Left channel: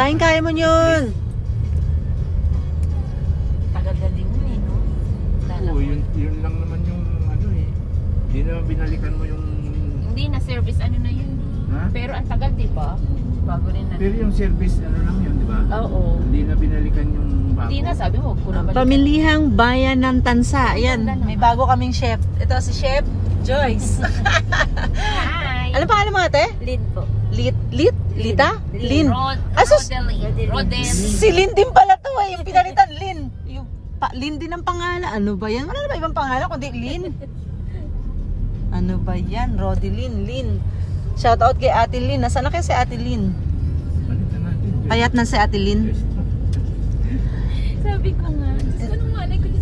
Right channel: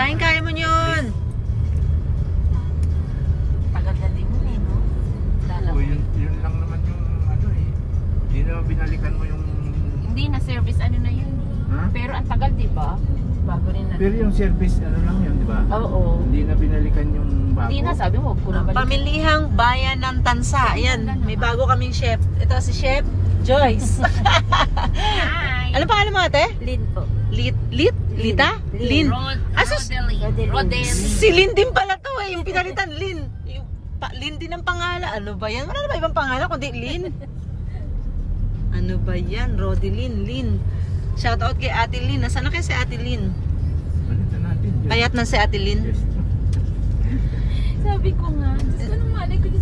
Kain-kain mo yun. Tagal na din yun eh, no? Oo, yun lang naman yung ano eh. Hindi naman binalikan mo yung... Hindi na service ano na yun. Ha? Pero ang tagal, di ba? Bago rin na. Pero yung service ano lang yun, di ba? Oo. Hindi na binalikan yung bago. Hindi na, sabi mo, kung nabalikan. Pamilihang Bayan ng Tansa. Ayan, may bago kaming chef. Ito si Chef Joyce. Hi! Ano pangalan mo ate? Lin po. Lita? Lin. Asus, Rodel. si Lin din pala to eh. Yung pinalitan, Lin. Lin din ang pangalan. Ano ba yan? Wala na ba ibang pangalan kundi Lin? Ano ba yan? Rodelyn, Lin. Shout out kay Ate Lin. Nasaan na kayo si Ate Lin? Balikan natin. Payat na si Ate Lin. Sabi ko nga.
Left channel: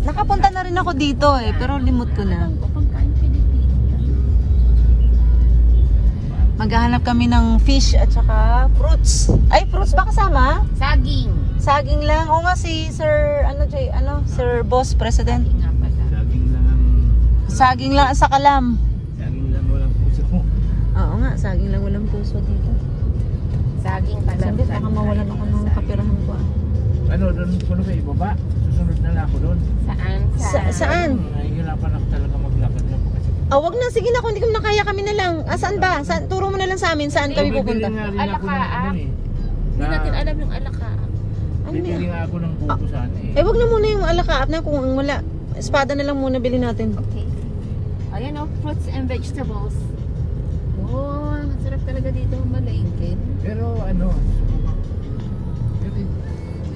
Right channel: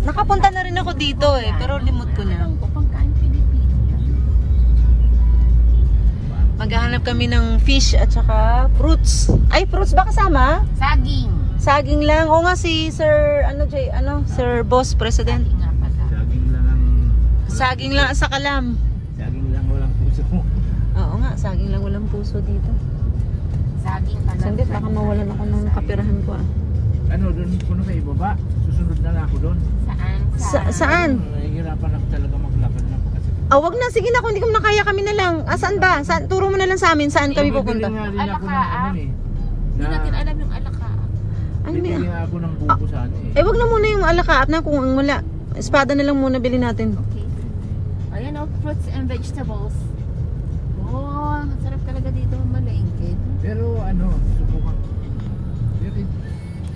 Nakapunta na rin ako dito eh. Pero limot ko na. Pangkain Pilipino. Maghahanap kami ng fish at saka fruits. Ay, fruits ba kasama? Saging. Saging lang. O nga si Sir, Sir Boss President. Saging nga pala. Saging lang ang... Saging lang sa kalam. Saging lang walang puso. Oo nga, saging lang walang puso dito. Saging pala. Siyempre, baka mawalan ako ng kapirahan ko. Ano, doon ko na kayo ibaba? Susunod na ako doon. Saan? Saan? Nahihirapan ako talaga maglakad na po kasi. Wag na. Sige na, kung hindi ko na kaya kami na lang. Saan ba? Turo mo na lang sa amin. Saan kami pupunta? Bibili nga rin ako ng ano eh. Hindi natin alam yung alaka. Bibili nga ako ng buko sana eh. Wag na muna yung alakaat na kung ang wala. Espada na lang muna bilhin natin. Okay. Ayan o, fruits and vegetables. Oh, masarap talaga dito malingkin. Pero ano,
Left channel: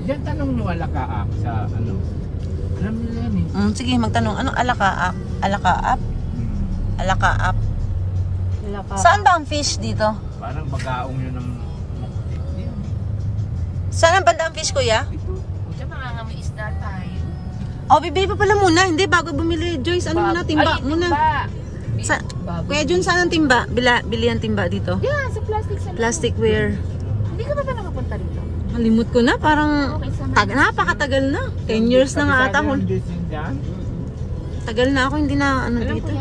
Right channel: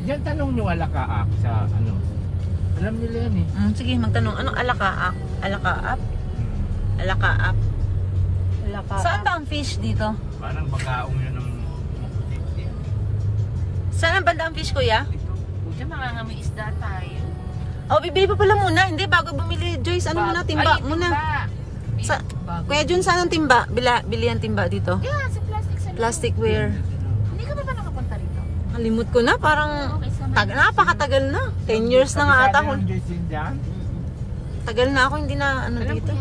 diyan tanong nyo alakaap sa ano. Alam nila yan eh. Sige, magtanong. Anong alakaap? Alakaap? Alakaap. Saan ba ang fish dito? Parang bagaong yun ng maputi. Saan ang banda ang fish, kuya? Diyan mangangamoy isda tayo. Bibili pa pala muna. Hindi, bago bumili. Joyce, ano muna? Timba muna. Kaya Jun, saan ang timba? Bili ang timba dito? Yeah, sa plastic. Plasticware. Hindi ka ba nakapunta rito? Nalimut ko na. Parang napakatagal na. 10 years na nga ata. Tagal na ako. Hindi na ano dito.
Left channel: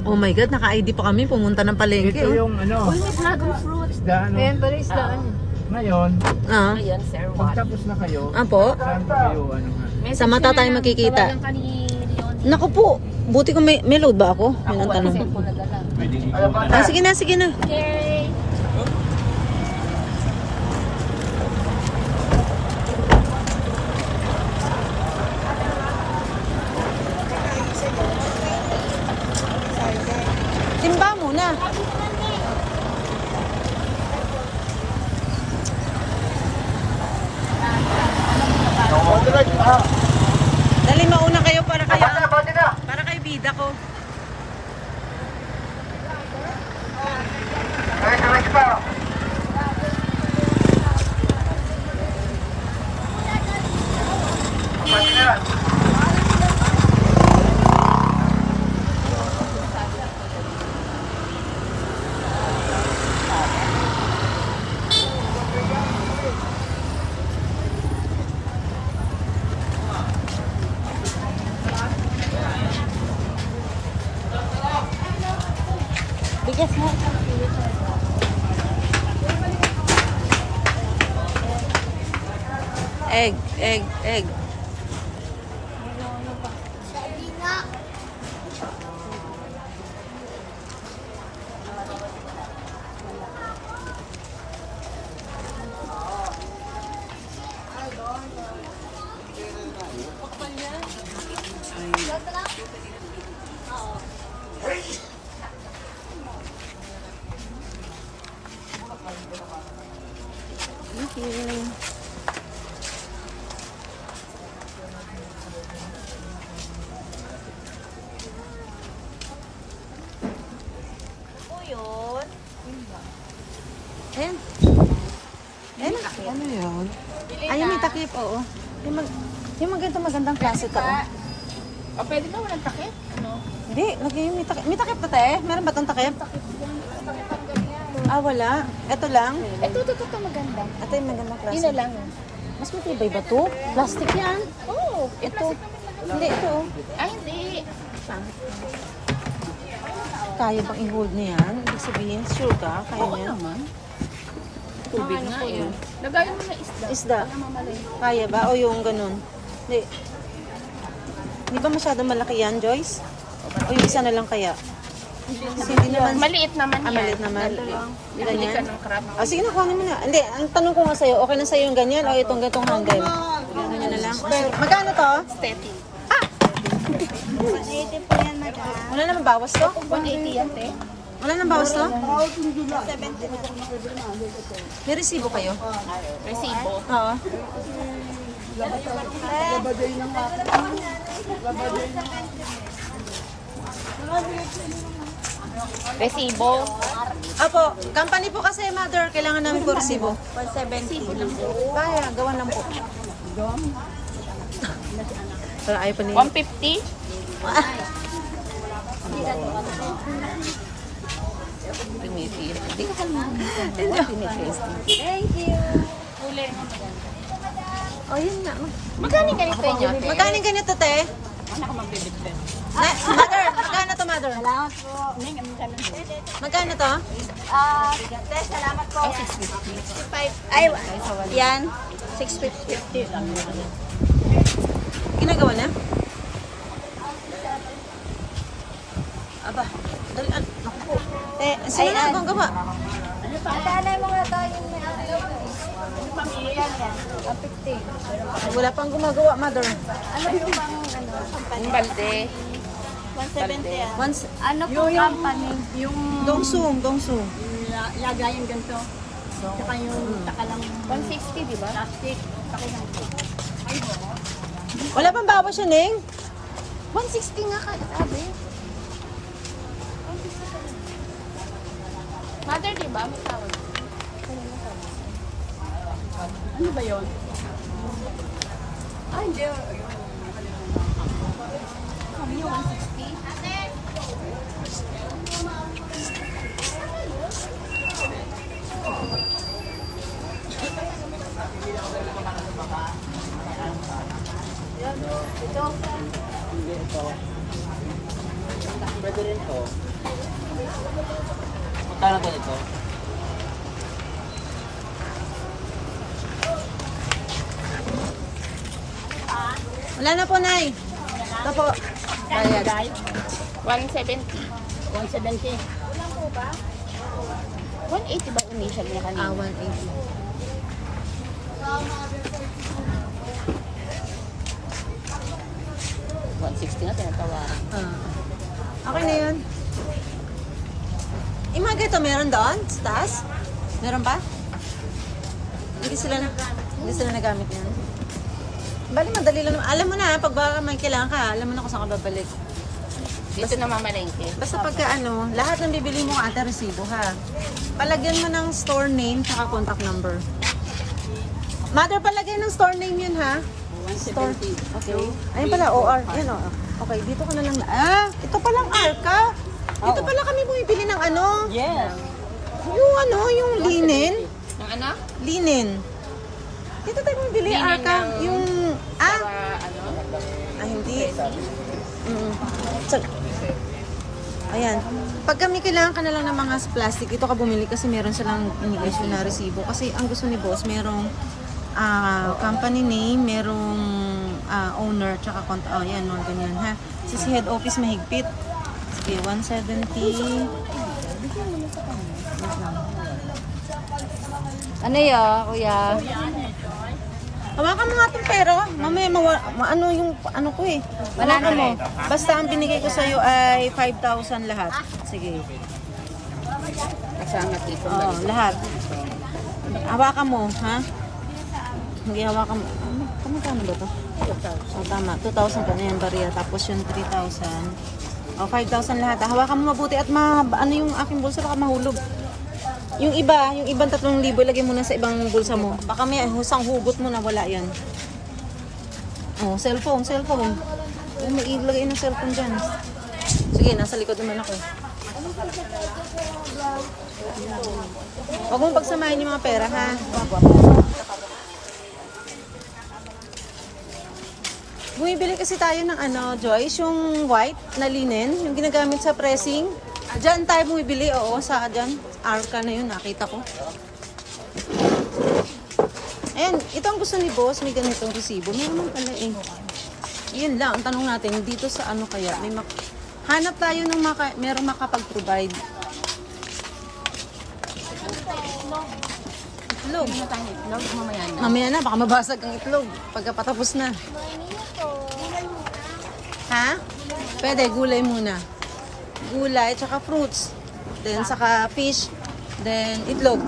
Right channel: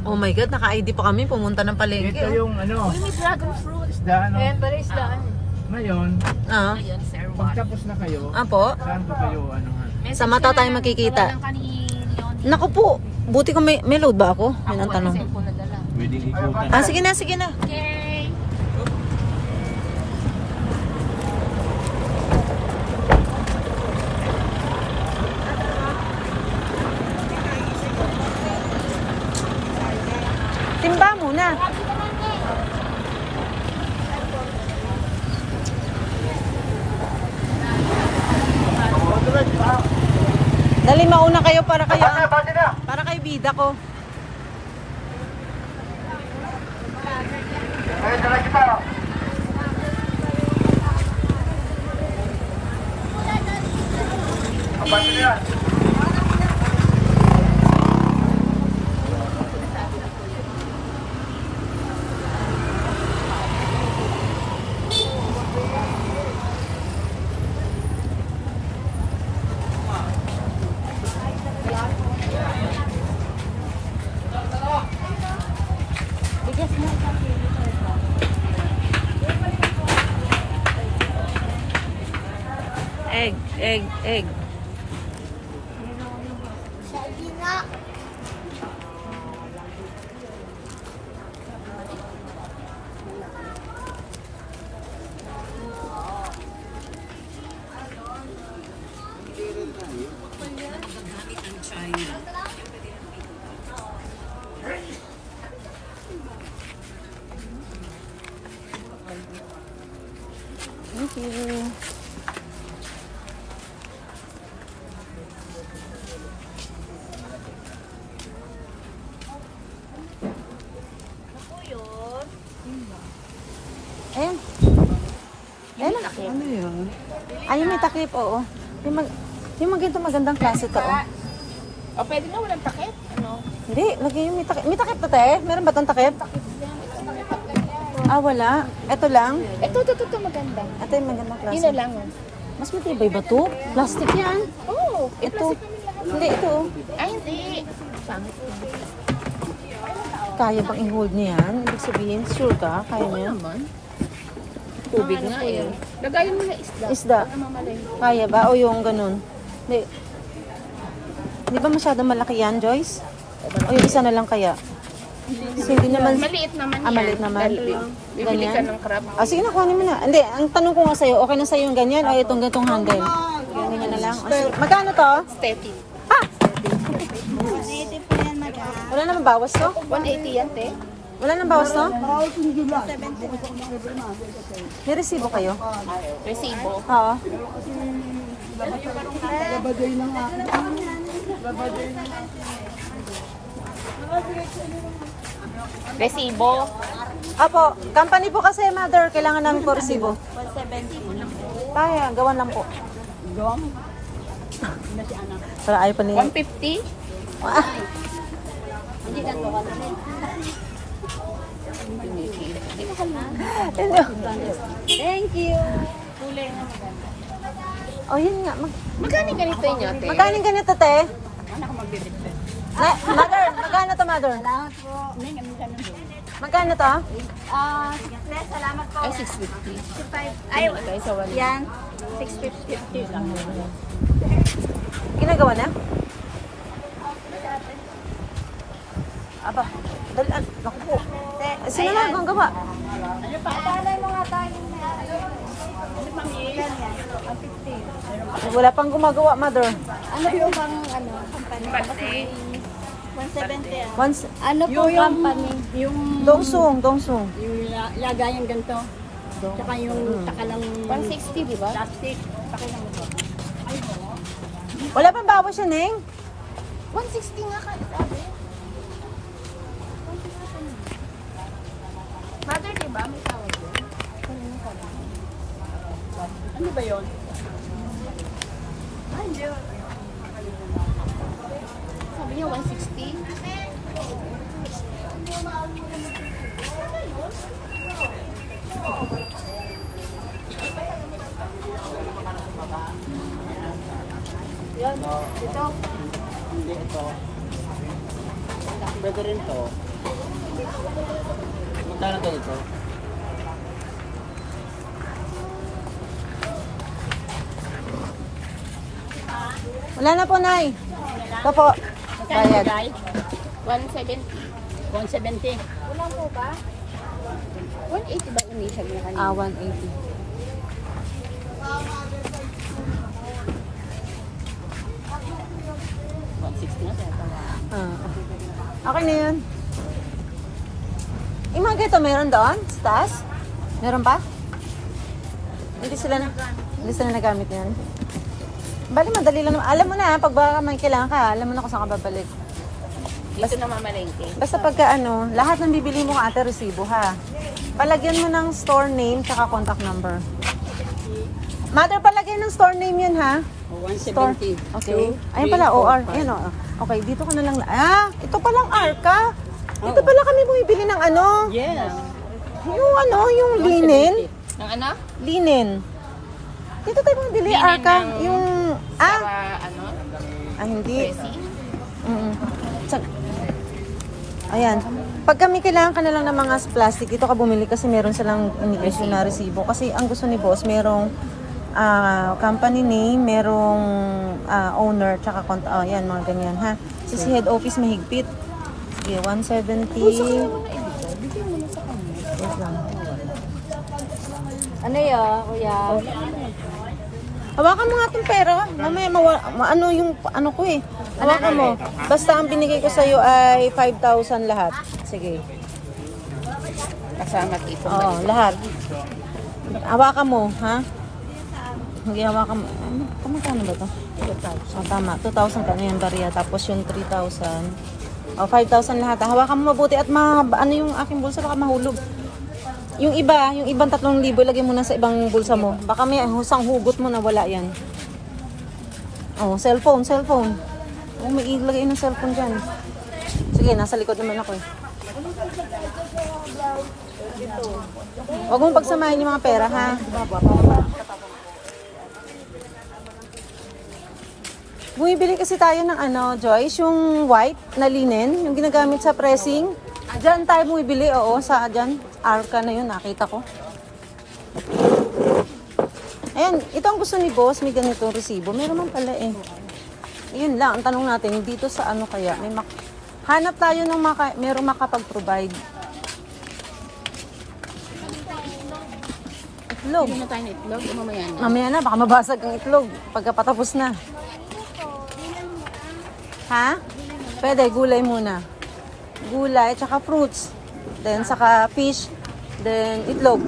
Oh my God, naka-ID pa kami. Pumunta ng palengke. Ito yung ano. Uy, may dragon fruit. Isda ano. Ngayon, Ngayon, sir, pagtapos na kayo, Apo? saan pa kayo ano? Sa mata tayo makikita. Naku po. Buti ko may load ba ako? Yan ang tanong. Pwede ikaw. Sige na, sige na. Okay. Timba muna. Dali mauna kayo para kay bida ko. Egg. Thank you. Ayan. Ayan na. Ano yun? Ay, may takip, oo. Yung magandang klase ka, oh. Pwede ka walang takip? Hindi, may takip. May takip pa tayo? Meron ba itong takip? Wala. Ito lang. Ito maganda. Ito yung magandang klase. Yun lang. Mas matibay ba ito? Plastic yan. Oo. Ito. Hindi, ito. Hindi. Kaya bang i-hold niya yan? Ibig sabihin, sure ka? Kaya Oo niya? naman. Tubig nga eh. Lagayan mo na isda. Isda. Kaya ba? O yung ganun. Di ba masyadong malaki yan, Joyce? O yung isa na lang kaya? So, hindi naman... Maliit naman yan. Maliit naman. Bibili ka ng crab. Sige na, kuhanin mo na. Hindi, ang tanong ko nga sa'yo, okay na sa'yo yung ganyan o itong ganitong handle? Ganyan na lang. Magkano to? Steady. 180 po yan, madam. Wala naman bawas to? 180 yan, te. Wala naman bawas to? 70 na. May resibo kayo? Resibo. Oo. Resibo. Apo, company po kasi, mother. Kailangan namin po resibo. 170. Kaya, gawan lang po. Para ayaw pa nila. 150. Ah, Hindi ka Thank you. oh, yun nga. Magkano ganito yun, te? Magkano ganito, te? Mother, magkano to, mother? Salamat po. Magkano to? Salamat po. Ay, 650. 65. Ay, yan. 650. Ginagawa na? Aba, dalaan. Naku po. Sino na ang gawa? Pagkalay mo nga tayo yung yan. 150. Wala pang gumagawa, mother. Ano po bang ano? Ang balde. 170 yan. Once, Ano po company? Yung dongsung. lagayan ganito. Saka yung takalang 160, di ba? plastic. Wala pang bawas yun, eh. 160 nga ka, sabi. Mother, di ba? May tawag. Ano ba yun? Ah, hindi. Sabi niya 160. Kano to dito? Wala na po, Nay. Ito po. Bayad. 170. 170. 180 ba initial niya kanina? 180. na tinatawaran. Okay na yun. Yung mga ganito, meron doon? Sa taas? Meron pa? Hindi sila nagamit yan. Bali, madali lang naman. Alam mo na, pag baka may kailangan ka, alam mo na kung saan ka babalik. Dito na mamalengke. Basta pagka ano, lahat ng bibili mo ate resibo ha. Palagyan mo ng store name tsaka contact number. Mother, palagyan ng store name yan ha. 170. Okay. Ayun pala, OR. Yun o. Okay, dito ka na lang. Ito palang Arca. Dito pala kami bumibili ng ano. Yes. Yung ano, yung linen. Yung ano? Linen. Dito tayo bumibili, Linen Arca. ng- Yung, hindi. So, ayan. Pag kami kailangan ka na lang ng mga plastic, ito ka bumili kasi meron silang ini-issue na resibo. Kasi ang gusto ni boss, merong company name, merong owner, tsaka yan, mga ganyan ha. Si head office mahigpit. Sige, 170. Wait lang. Ano yun, kuya? Hawakan mo nga itong pera. Mamaya, ano yung ano ko eh. Hawakan mo. Basta ang binigay ko sa'yo ay 5,000 lahat. Sige. Kasama dito. Oo, lahat. Hawakan mo, ha? Hindi hawakan mo. Kamagkano ba ito? Oh, tama. 2,000 pa na yung barya. Tapos yung 3,000. O, 5,000 lahat. Hawakan mo mabuti at ano yung aking bulsa baka mahulog. Yung ibang 3,000 lagay mo na sa ibang bulsa mo. Baka may husang hugot mo na wala yan. Oh, cellphone. Oh, may ilagay ng cellphone dyan. Sige, nasa likod naman ako eh. Huwag mong pagsamahin yung mga pera, ha? Bumibili kasi tayo ng ano, Joyce, yung white na linen, yung ginagamit sa pressing. Diyan tayo bumibili, oo, sa dyan. Arca na yun, nakita ko. Ayan, ito ang gusto ni boss, may ganitong resibo. Meron man pala eh. Yun lang, ang tanong natin, dito sa ano kaya, hanap tayo ng merong makapag-provide. Itlog. Hindi na tayo ng itlog o mamaya na. Mamaya na, baka mabasag ang itlog pagkapatapos na. Ha? Pwede, gulay muna. Gulay, tsaka fruits. Then, saka fish. Then, itlog.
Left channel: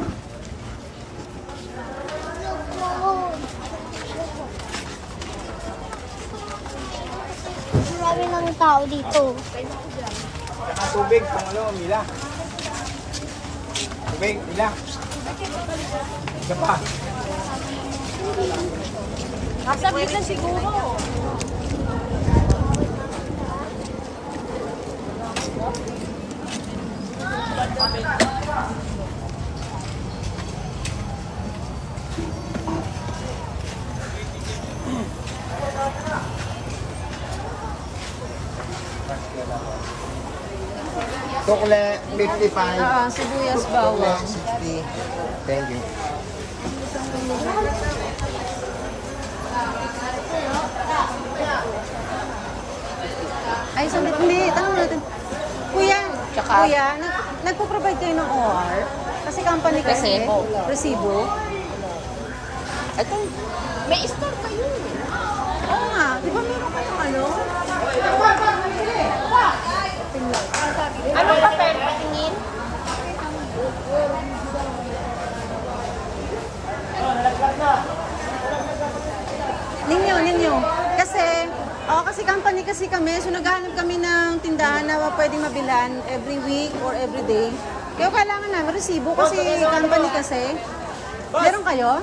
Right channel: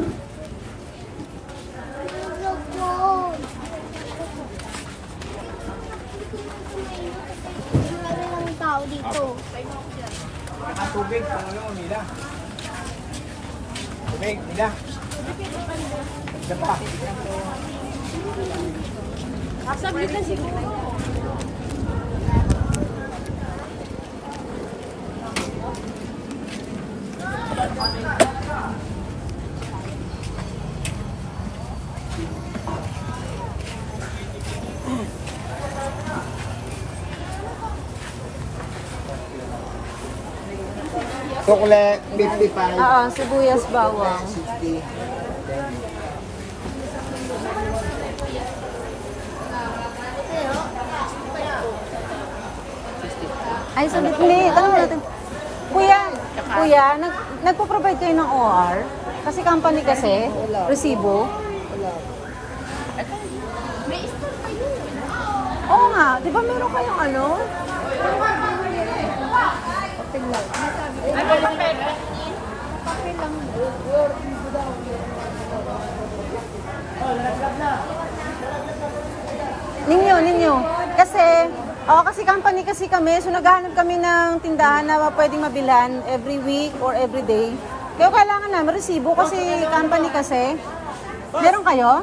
Tao dito. Tubig, Mila. Tubig, Mila. Isa pa. Saglit na siguro. Chocolate, 55. Oo, sibuyas, bawang. 60. Thank you. Ay, saglit. Hindi, tanong natin. Kuya, kuya, nagpo-provide kayo ng OR? Kasi company kasi, resibo. Ito. May store kayo. Oo nga, di ba meron kayong ano? Anong papel? Patingin? Ninyo. Kasi company kasi kami, so naghahanap kami ng tindahan na pwedeng mabilan every week or every day. Kaya kailangan namin resibo kasi company kasi. Meron kayo?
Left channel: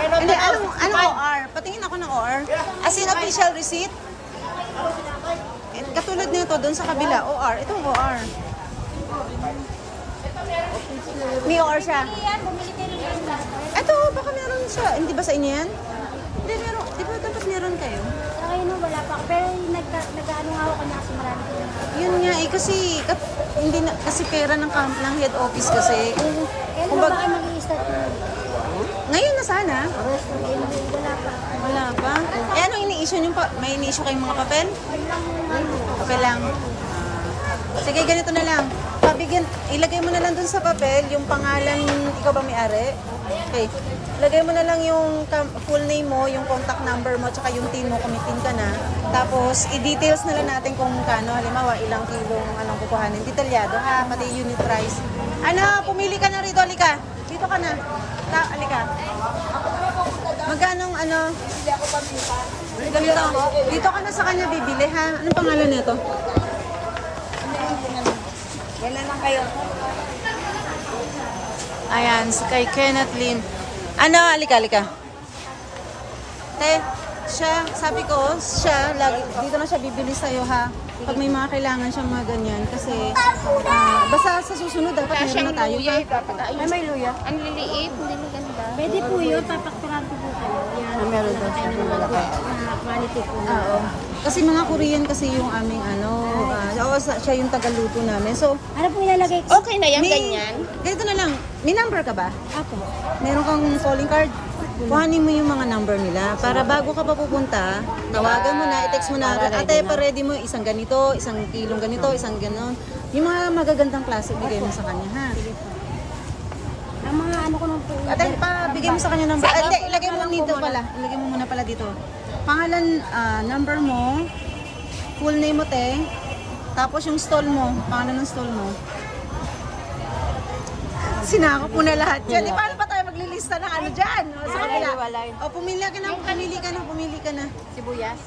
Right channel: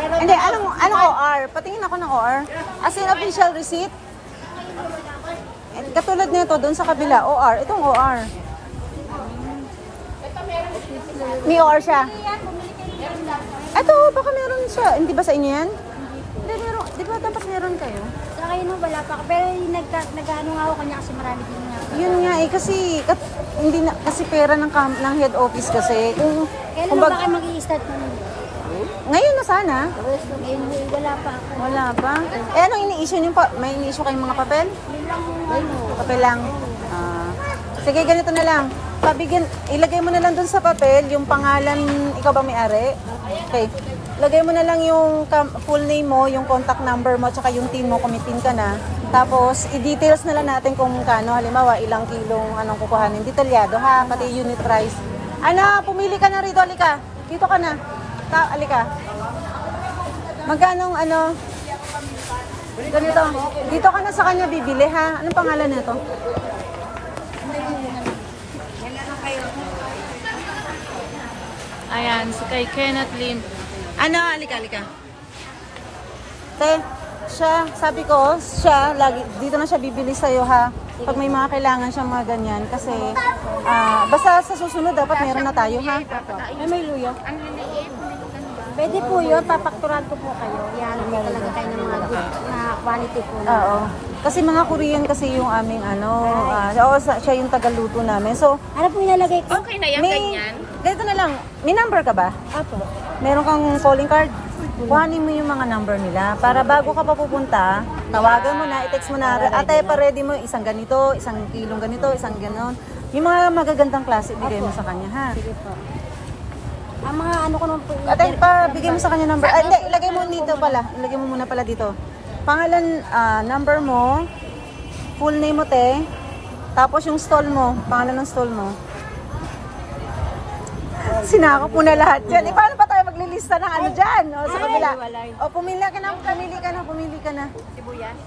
Hindi, anong OR? Patingin ako ng OR. As in official receipt? Katulad nito doon sa kabila, OR. Itong OR. May OR siya. Ito, baka meron siya. Hindi ba sa inyo yan? Hindi, meron. Di ba dapat meron kayo? Sa kayo nung wala pa. Pero nagkaroon nga ako kanya kasi marami ko na. Yun nga eh, hindi na, kasi pera ng head office kasi. Kailan ba kayo mag-i-start na? Ngayon na sana. Wala pa. Wala pa. Eh, anong ini-issue nyo pa? May ini-issue kayong mga papel? Papel lang. Sige, ganito na lang. Ilagay mo na lang dun sa papel yung pangalan, ikaw ba may-ari? Okay. Lagay mo na lang yung full name mo, yung contact number mo, tsaka yung tin mo, kumitin ka na. Tapos, i-details na lang natin kung kano, halimbawa, ilang kilong anong kukuhanin. Detalyado ha, pati unit price. Ano, pumili ka na rito, alika. Dito ka na. Alika. Magkano ano? Ganito. Dito ka na sa kanya bibili ha. Anong pangalan nito? Ayan, kay Kenneth Lim. Ano, alika. Te, sabi ko, dito na siya bibili sa'yo ha. Pag may mga kailangan siyang mga ganyan. Kasi, basta sa susunod dapat meron na tayo ha. May luya. Ang liliit, hindi maganda. Pwede po yun, papakturan ko po kayo. Yan, meron na kayo ng mga na quality po. Oo. Kasi mga Korean kasi yung aming siya yung tagaluto namin. So, Ano po ilalagay ko? Okay na yan, ganyan. ganito na lang. May number ka ba? Apo. Meron kang calling card? Kuhanin mo yung mga number nila para bago ka pa pupunta, tawagan mo na, i-text mo na, ate, pa-ready mo isang ganito, isang kilong ganito, isang ganon. Yung mga magagandang klase, bigay mo sa kanya, ha? Ang mga ano ko nung po. Ate, bigay mo sa kanya number. Hindi, ilagay mo dito pala. Ilagay mo muna pala dito. Pangalan, number mo, full name mo, te. Tapos yung stall mo, pangalan ng stall mo. Sinakop mo na lahat dyan. Paano pa tayo maglilista ng ano dyan? O, sa kabila. O, pumili ka na. Sibuyas.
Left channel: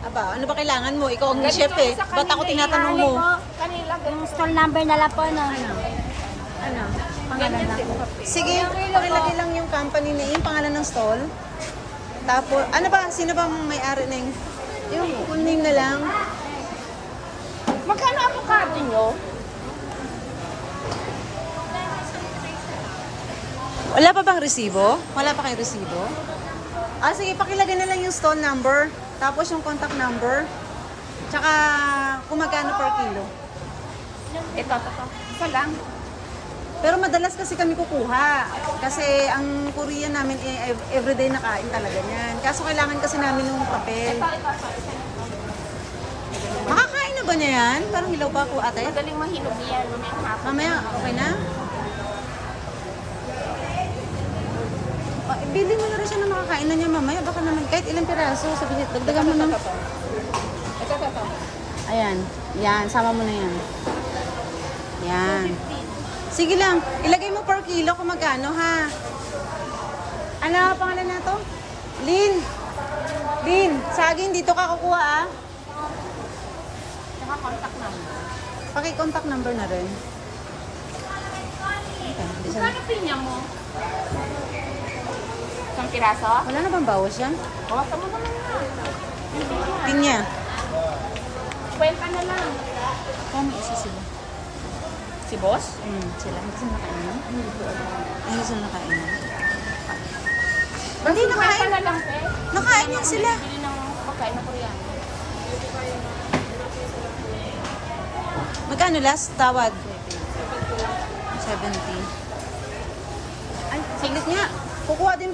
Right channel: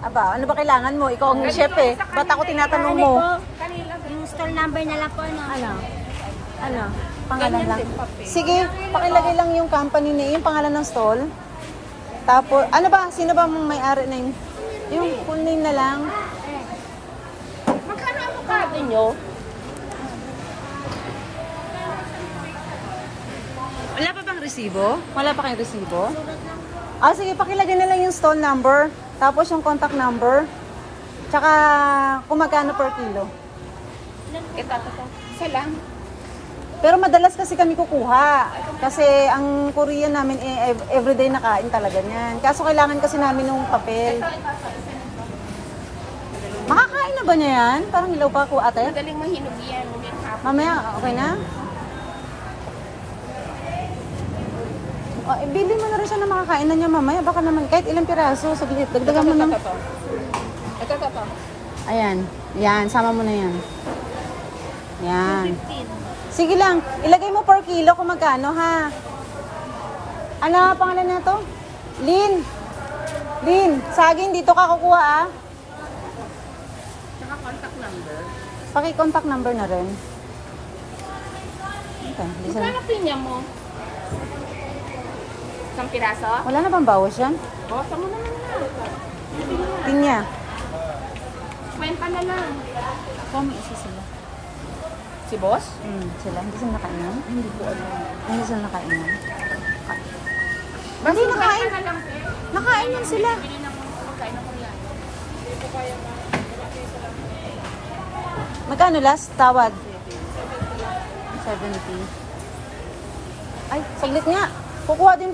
Aba, ano ba kailangan mo? Ikaw ang chef eh. Ba't ako tinatanong mo? Yung store number na lang po, ano? Pangalan lang. Sige, pakilagay lang yung company name, pangalan ng stall. Tapos, ano ba? Sino ba may-ari na yung full name na lang? Magkano avocado nyo? Wala pa bang resibo? Wala pa kayong resibo? Sige, pakilagay na lang yung stall number, tapos yung contact number, tsaka kung magkano per kilo. Ito. Isa lang. Pero madalas kasi kami kukuha. Kasi ang Korean namin everyday nakain talaga niyan. Kaso kailangan kasi namin ng papel. Makakain na ba niya yan? Parang hilaw pa ako, ate. Magaling mahinog yan. Mamaya, okay na? Bili mo na rin siya na makakain na niya mamaya. Baka naman kahit ilang piraso. Sabi, dagdagan mo na. Ayan. Yan, sama mo na yan. Yan. Sige lang. Ilagay mo per kilo kung magkano, ha? Ano pangalan niya to? Lin. Lin, saging dito ka kukuha, ah. Saka contact number. Paki-contact number na rin. Okay, Magkano pinya mo? Isang piraso? wala na bang bawas yan? Bawasan mo naman na. Pinya. Kwenta na lang. Kung may isa sila. Si boss? Sila. Hindi sila nakainom? Hindi sila nakainom. Hindi nakain. na lang, pe. Nakain yan sila. Bili ng pagkain ng Korean. Magkano last? Tawad? 70. Ay, saglit nga. Kukuha din.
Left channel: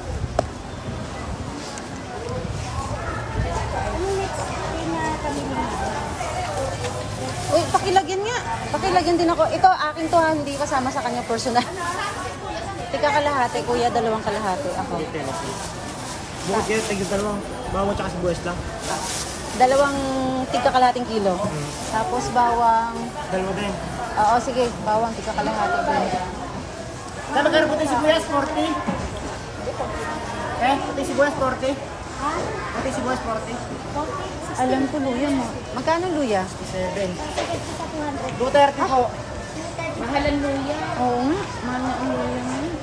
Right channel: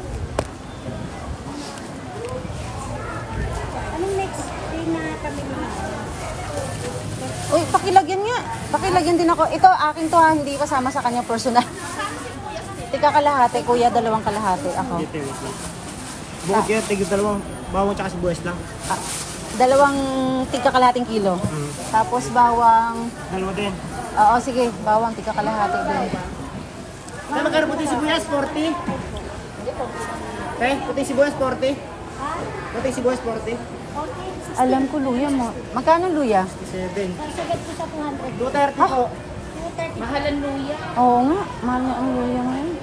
Yung next day na kami. Uy, pakilagyan nga. Pakilagyan din ako. Ito, akin to ha. Hindi kasama sa kanya personal. Tika kalahati, kuya. Dalawang kalahati. Ako. Details lang. Bukod kayo, tigil dalawang bawang tsaka sibuyas lang. Dalawang tika kalahating kilo. Tapos bawang... Dalawa din. Oo, sige. Bawang tika kalahati din. Kaya magkano puting sibuyas? 40? Okay, puting sibuyas 40? Puting sibuyas 40? Alam ko luya mo. Magkano yung luya? 7. 230 po. Mahalan luya. Oo nga. Mahal nga ang luya ngayon.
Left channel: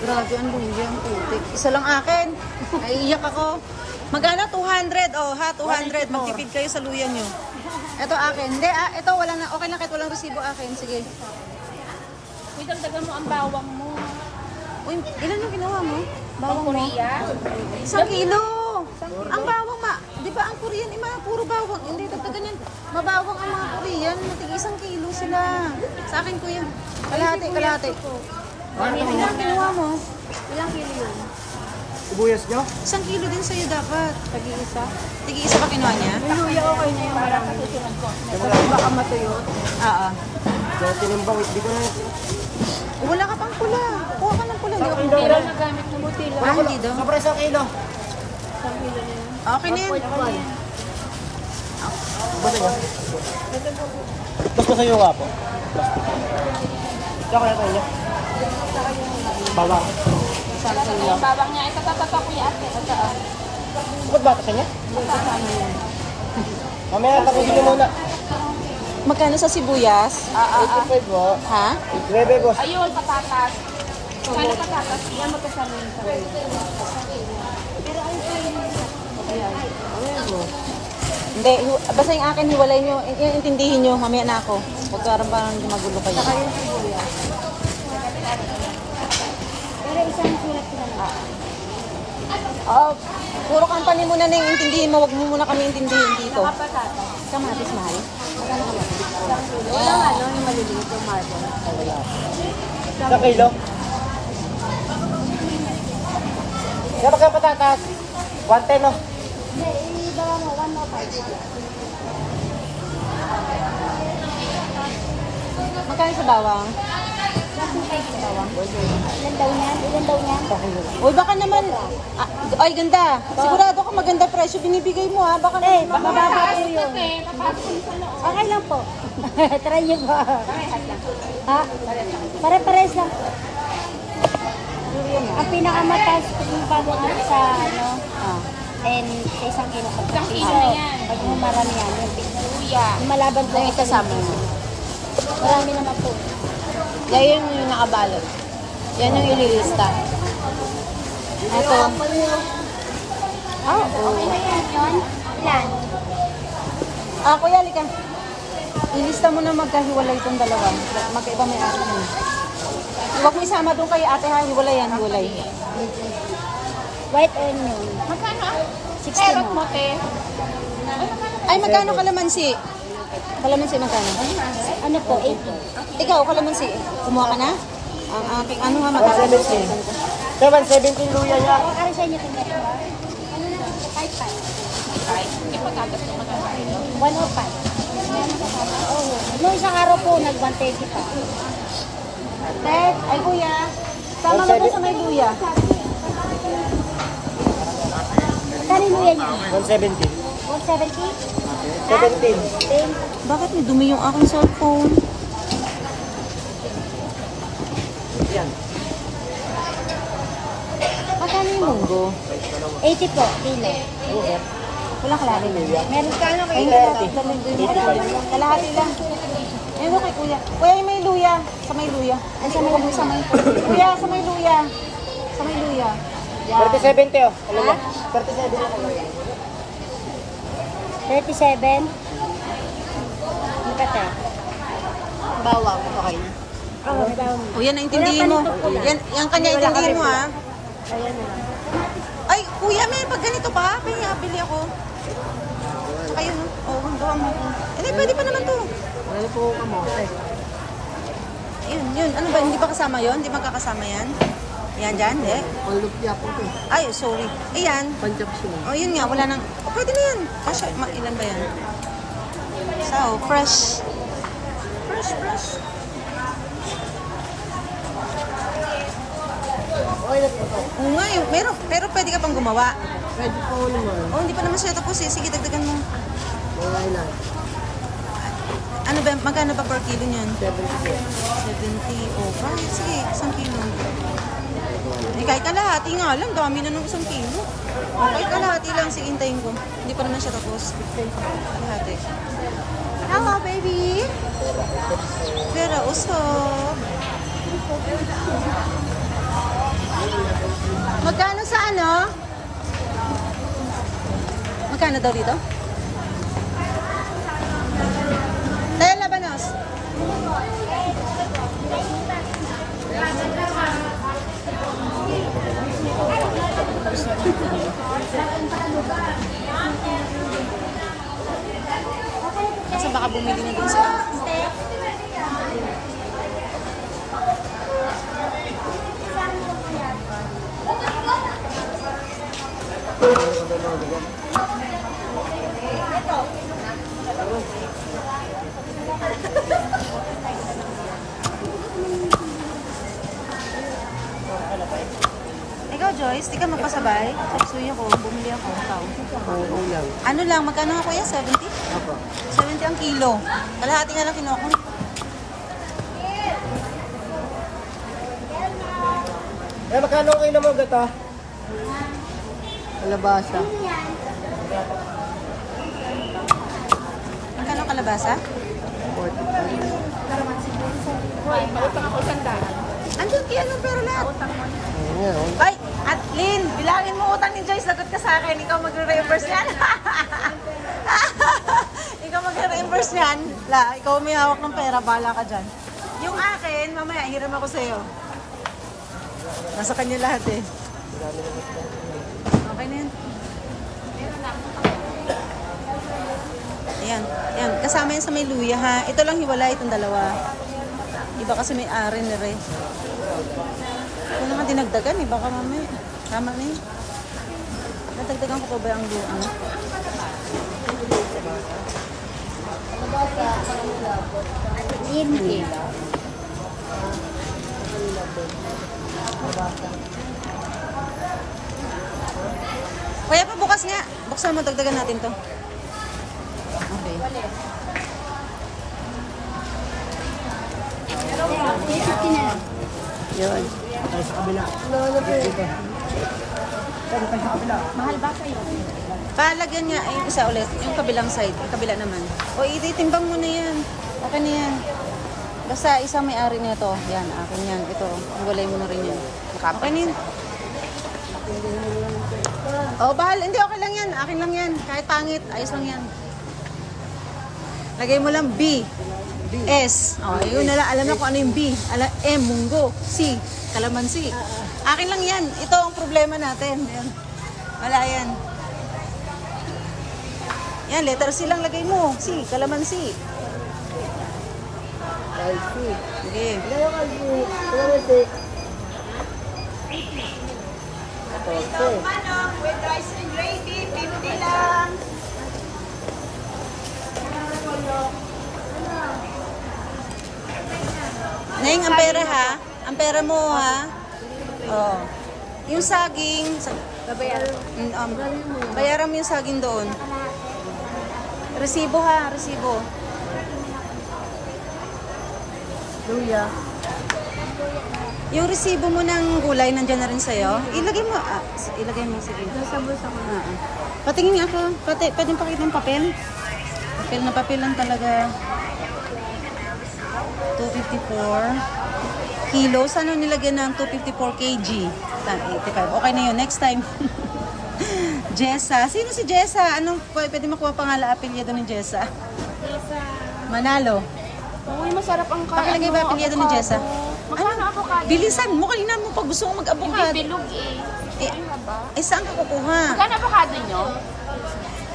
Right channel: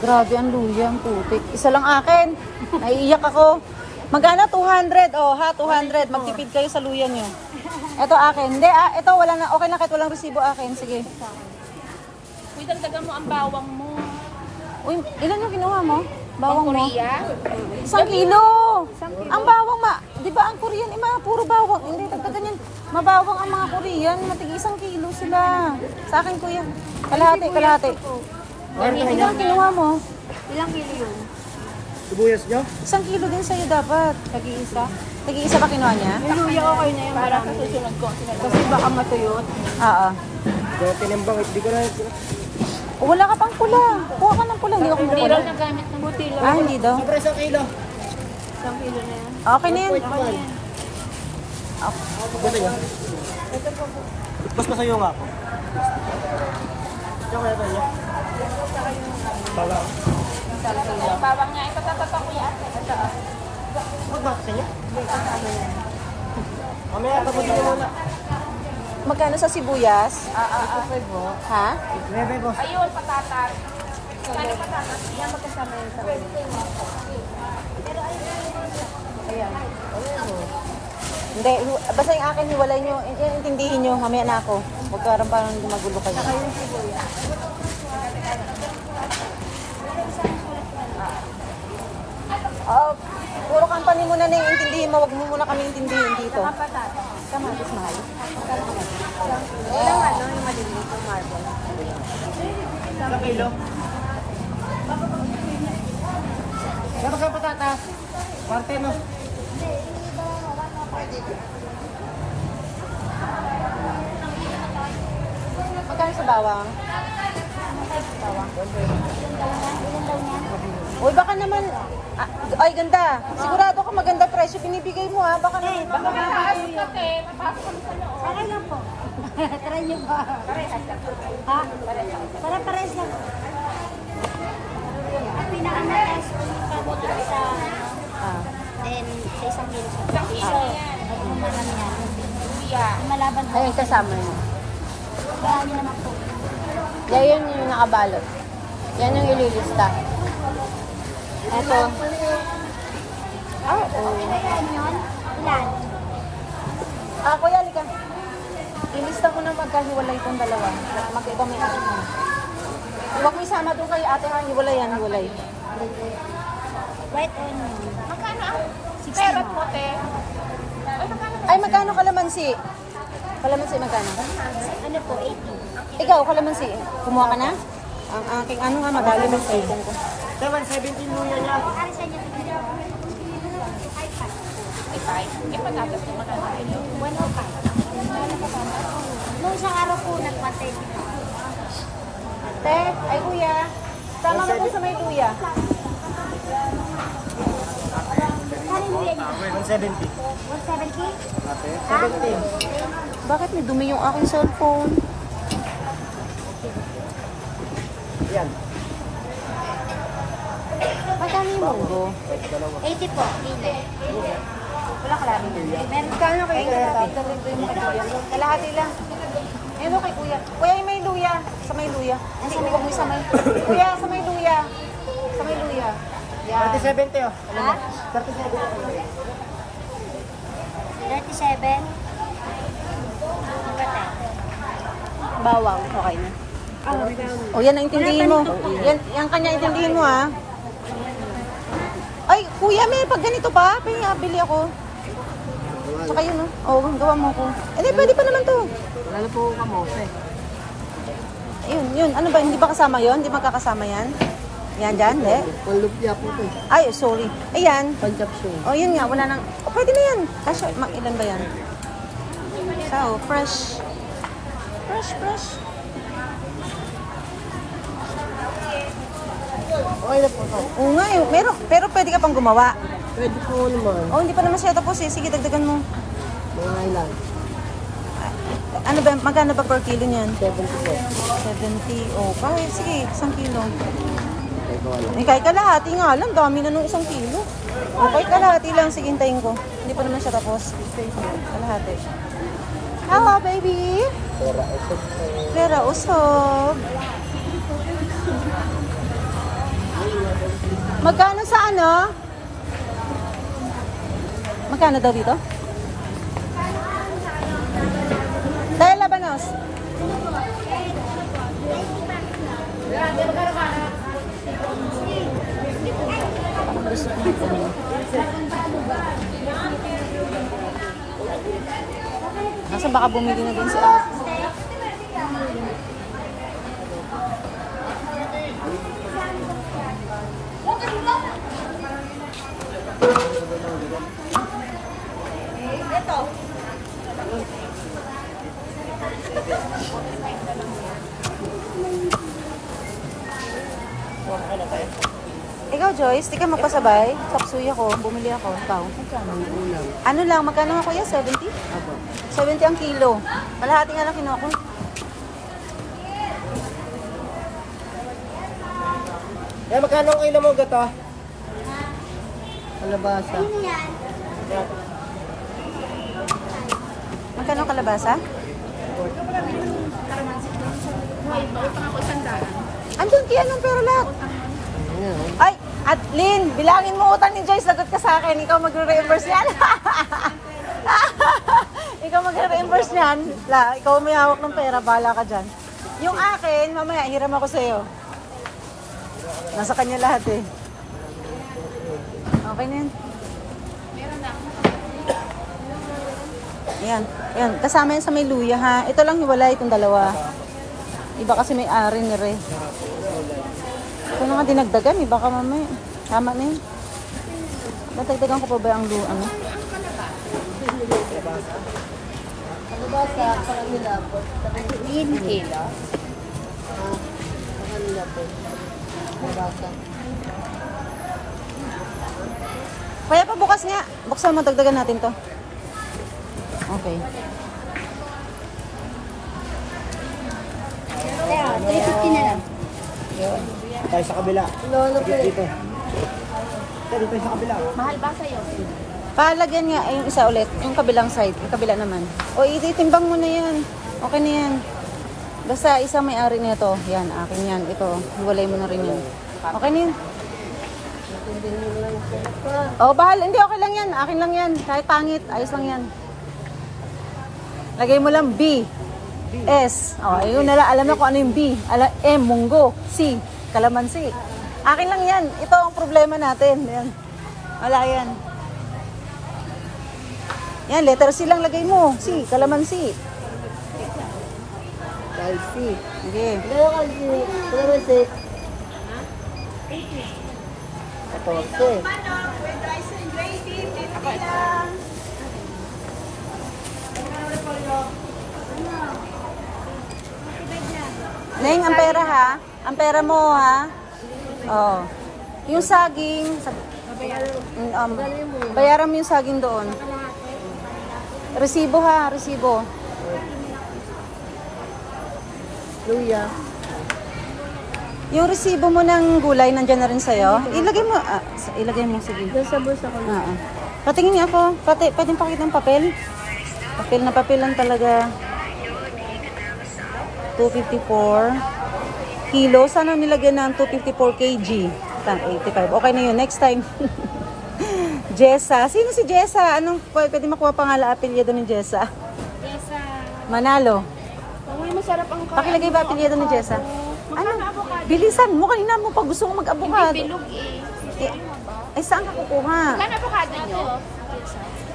Grabe ang luya, ang putik. Isa lang akin. Naiiyak ako. Magkano? 200. Oh, ha? 200. Magtipid kayo sa luya nyo. Ito akin. Hindi, ito wala na. Okay na kahit walang resibo akin. Sige. May dagdagan mo ang bawang mo. Uy, ilan yung kinuha mo? Bawang mo? Korea. 1 kilo. Ang bawang di ba ang Korean, puro bawang. Hindi, dagdagan yan. Mabawang ang mga Korean. Matig 1 kilo sila. Sa akin, kuya. Kalahati, kalahati. Ilang kinuha mo? Ilang kilo yun? Sibuyas nyo? 1 kilo din sa'yo dapat. Tag-iisa. Tagi-isa ba kinuha niya? Luya ko kayo na yung parang Oo. Kaya tinimbang, di ko na Wala ka pang pula. Kuha ka ng pula. Hindi ako pula. Hindi daw. Sobra 1 kilo. Okay na yan. Basta sa'yo nga po. Tsaka ito niya. Bawang. Yung bawang niya, ito kuya ate. Ba't bata sa niya? Mamaya, tapusin niyo muna. Magkano sa sibuyas? 85 po. Ha? 9 boss. Ayun, patatas. Kano patatas? Yan magkasama yun sa kuya. pero ayun ko yung isa. Hindi. Basta yung akin, hiwalay nyo. Intindihin nyo. Mamaya na ako. Huwag ka rin parang hindi magulo kayo. Saka yung sibuya. Pero isang sulat ko na lang. Oo. Puro company muna na yung intindihin mo. Huwag mo muna kami intindihin dito. Kapatata. Kamatis, mahal. Magkano kamatis? Isang kilo. Walang ano, yung maliliit yung marble. 1 kilo. Pero kayo patatas. 110 no? Hindi, iba mo, 105. Magkano sa bawang? 105 sa bawang. Ilan daw niya? Ilan daw niya? Uy, baka naman... ay, ganda. Sigurado ka maganda presyo. Binibigay mo, ha? Baka naman... Baka babati yun. Papasok kami sa loob. Okay lang po. Try nyo ba? Parehas lang. Ha? Pare-pares lang. Ang pinakamataas ko yung babaw sa ano, and sa isang kilo sa Isang kilo na yan. Pag mo marami yan. Luya. Yung malaban po. Ang isasama mo. Marami naman po. Yan yung nakabalot. Yan yung ililista. Ito. Oo. Okay na yan yun. Ilan? Kuya, halika. Ilista mo na magkahiwalay itong dalawa. Magkaiba may ari mo. Huwag mo isama doon kay ate ha. Hiwalay yan, hiwalay. White onion. Magkano? 60 Carrot mo. mo, te. Ay, magkano kalamansi? Kalamansi magkano? Ano po, 80. Ikaw, kalamansi. Kumuha ka na? Ang aking ano nga magkano? 717 luya niya. O, ano sa inyo itong dito? Ano na ito? 5-5. 105. Noong isang araw po, nag-120 pa. Tet, ay kuya. Sama na po sa may luya. Magkano yung luya niya? 170. 170? 17. Bakit may dumi yung aking cellphone? Yan. Magkano yung munggo? 80 po, kilo. Wala kalahati na. Meron ka ano? Ay, kalahati lang. Ayun kay kuya. Kuya, yung may luya. Sa may luya. Ay, sa may sa may. Kuya, sa may luya. Sa may luya. Yan. 37 oh. Alam mo? 37? Magkate? Bawang, okay na. O yan, naintindihin mo. Yan kanya intindihin mo, ha? Ay, kuya, may pag ganito pa. Kaya bili ako. Tsaka yun, oh. Gawa mo ko. Eh, pwede pa naman to. Ano po kamote? Yun. Ano ba, hindi ba kasama yun? Hindi magkakasama yan? Yan dyan, hindi? Panlupya po to. Ay, sorry. Ayan. Panchapsung. Oh, yun nga, wala nang... Oh, pwede na yan. Kasi, ilan ba yan? So, fresh. Fresh. Oo nga, meron. Pero pwede ka pang gumawa. Pwede po naman. Oh, hindi pa naman siya tapos eh. Sige, dagdagan mo. Mga ilan? Ano ba, magkano ba per kilo niyan? 70 po. 70. Oh, kahit sige, 1 kilo. Eh, kahit kalahati nga lang. Dami na nung 1 kilo. Oh, kahit kalahati lang. Sige, hintayin ko. Hindi pa naman siya tapos. Kalahati. Hello, baby! Vera, usog. Magkano sa ano? Magkano daw dito? Tayo labanos. Kasi baka bumili na din si Ate. Ikaw, Joyce, di ka magpasabay? Saksuy ako, bumili ako. Ikaw. Ang ulam. Ano lang, magkano nga kuya? 70? Apa. 70 ang kilo. Kalahati nga lang kinuha ko. Yan, magkano ang ino mo gato? Kalabasa. Magkano kalabasa? 45. Hoy, pautang ako 100. Andiyan tiyan ng pera lahat. Ayan. Ay, at Lynn, bilangin mo utang ni Joyce. Lagot ka sa akin. Ikaw magre-reimburse yan. Ikaw magre-reimburse yan. Ikaw may hawak ng pera. Bahala ka dyan. Yung akin, mamaya, hiram ako sa'yo. Nasa kanya lahat eh. Okay na yan. Ayan. Ayan. Kasama yan sa may luya ha. Ito lang hiwalay itong dalawa. Iba kasi may ari ni Ray. Ito na nga dinagdagan. Iba ka mamaya. Tama na yun. Dadagdagan ko pa ba ang luya? Ano? Hindi. Kaya pa bukas nga. Buksan mo, dagdagan natin to. Okay. Yun. Tayo sa kabila. Sige dito. Tayo sa kabila. Palagyan nga yung isa ulit. Yung kabilang side. Yung kabila naman. O, ititimbang mo na yan. Okay na yan. Basta isang may-ari nito. Yan, akin yan. Ito. Hulay mo na rin yan. Okay na yan. Oh, bahal. Hindi, okay lang yan. Akin lang yan. Kahit pangit, ayos lang yan. Lagay mo lang B. S. Oh, yun na lang. Alam mo kung ano yung B. M, munggo. C, kalamansi. Akin lang yan. Ito ang problema natin. Yan. Wala yan. Yan, letter C lang lagay mo. C, kalamansi. Spicy. Sige. Neng, ang pera ha? Ang pera mo ha? Oo. Yung saging, bayaran mo yung saging doon. Resibo ha, resibo. Luya. Yung resibo mo ng gulay, nandyan na rin sa'yo. Ilagay mo, ilagay mo, sige. Doon sa bulsa ko na. Patingin nga ako, pwedeng pakita ng papel. Papel na papel lang talaga. 254 kilo. Sana nilagyan ng 254 kg? 85. Okay na yun. Next time. Jessa. Sino si Jessa? Anong pwede makuha pangala apelyido ni Jessa? Jessa. Manalo. Uy, masarap ang kain. Pakilagay ba apelyido ni Jessa? Ano? Bilisan mo. Kanina mo pag gusto mong mag-abukado. Bilog eh. Saan ka kukuha? Saan avocado nyo?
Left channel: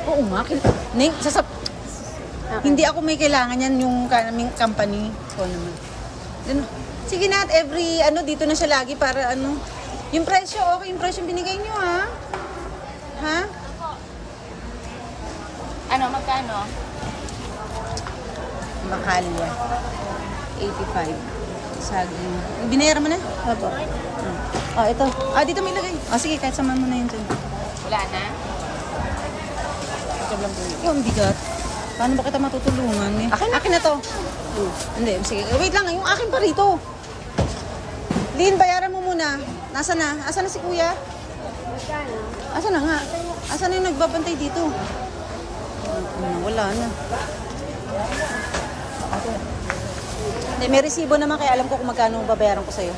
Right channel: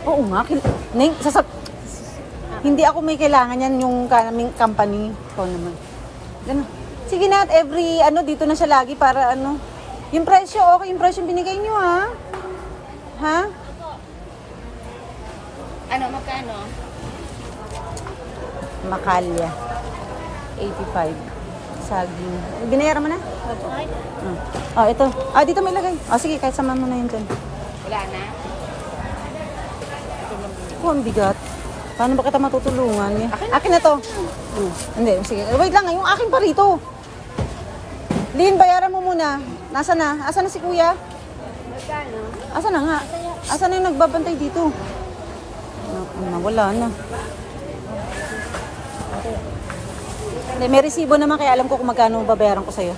Oo nga. Neng, hindi ako may kailangan yan yung kaming company. So naman. Ano? Sige na, at every dito na siya lagi para yung presyo, okay yung presyo binigay nyo ha? Ha? Ano, magkano? Makalya. 85. Saging. Binayaran mo na? Opo. Ito. Dito may ilagay. Sige, kahit samahan mo na yun dyan. Wala na? Ang bigat. Paano ba kita matutulungan? Akin na to. Hindi, sige. Wait lang, yung akin pa rito. Lin, bayaran mo muna. Nasaan na? Asan na si kuya? Asan na nga? Asan na yung nagbabantay dito? Wala na. Hindi, may resibo naman kaya alam ko kung magkano babayaran ko sa'yo.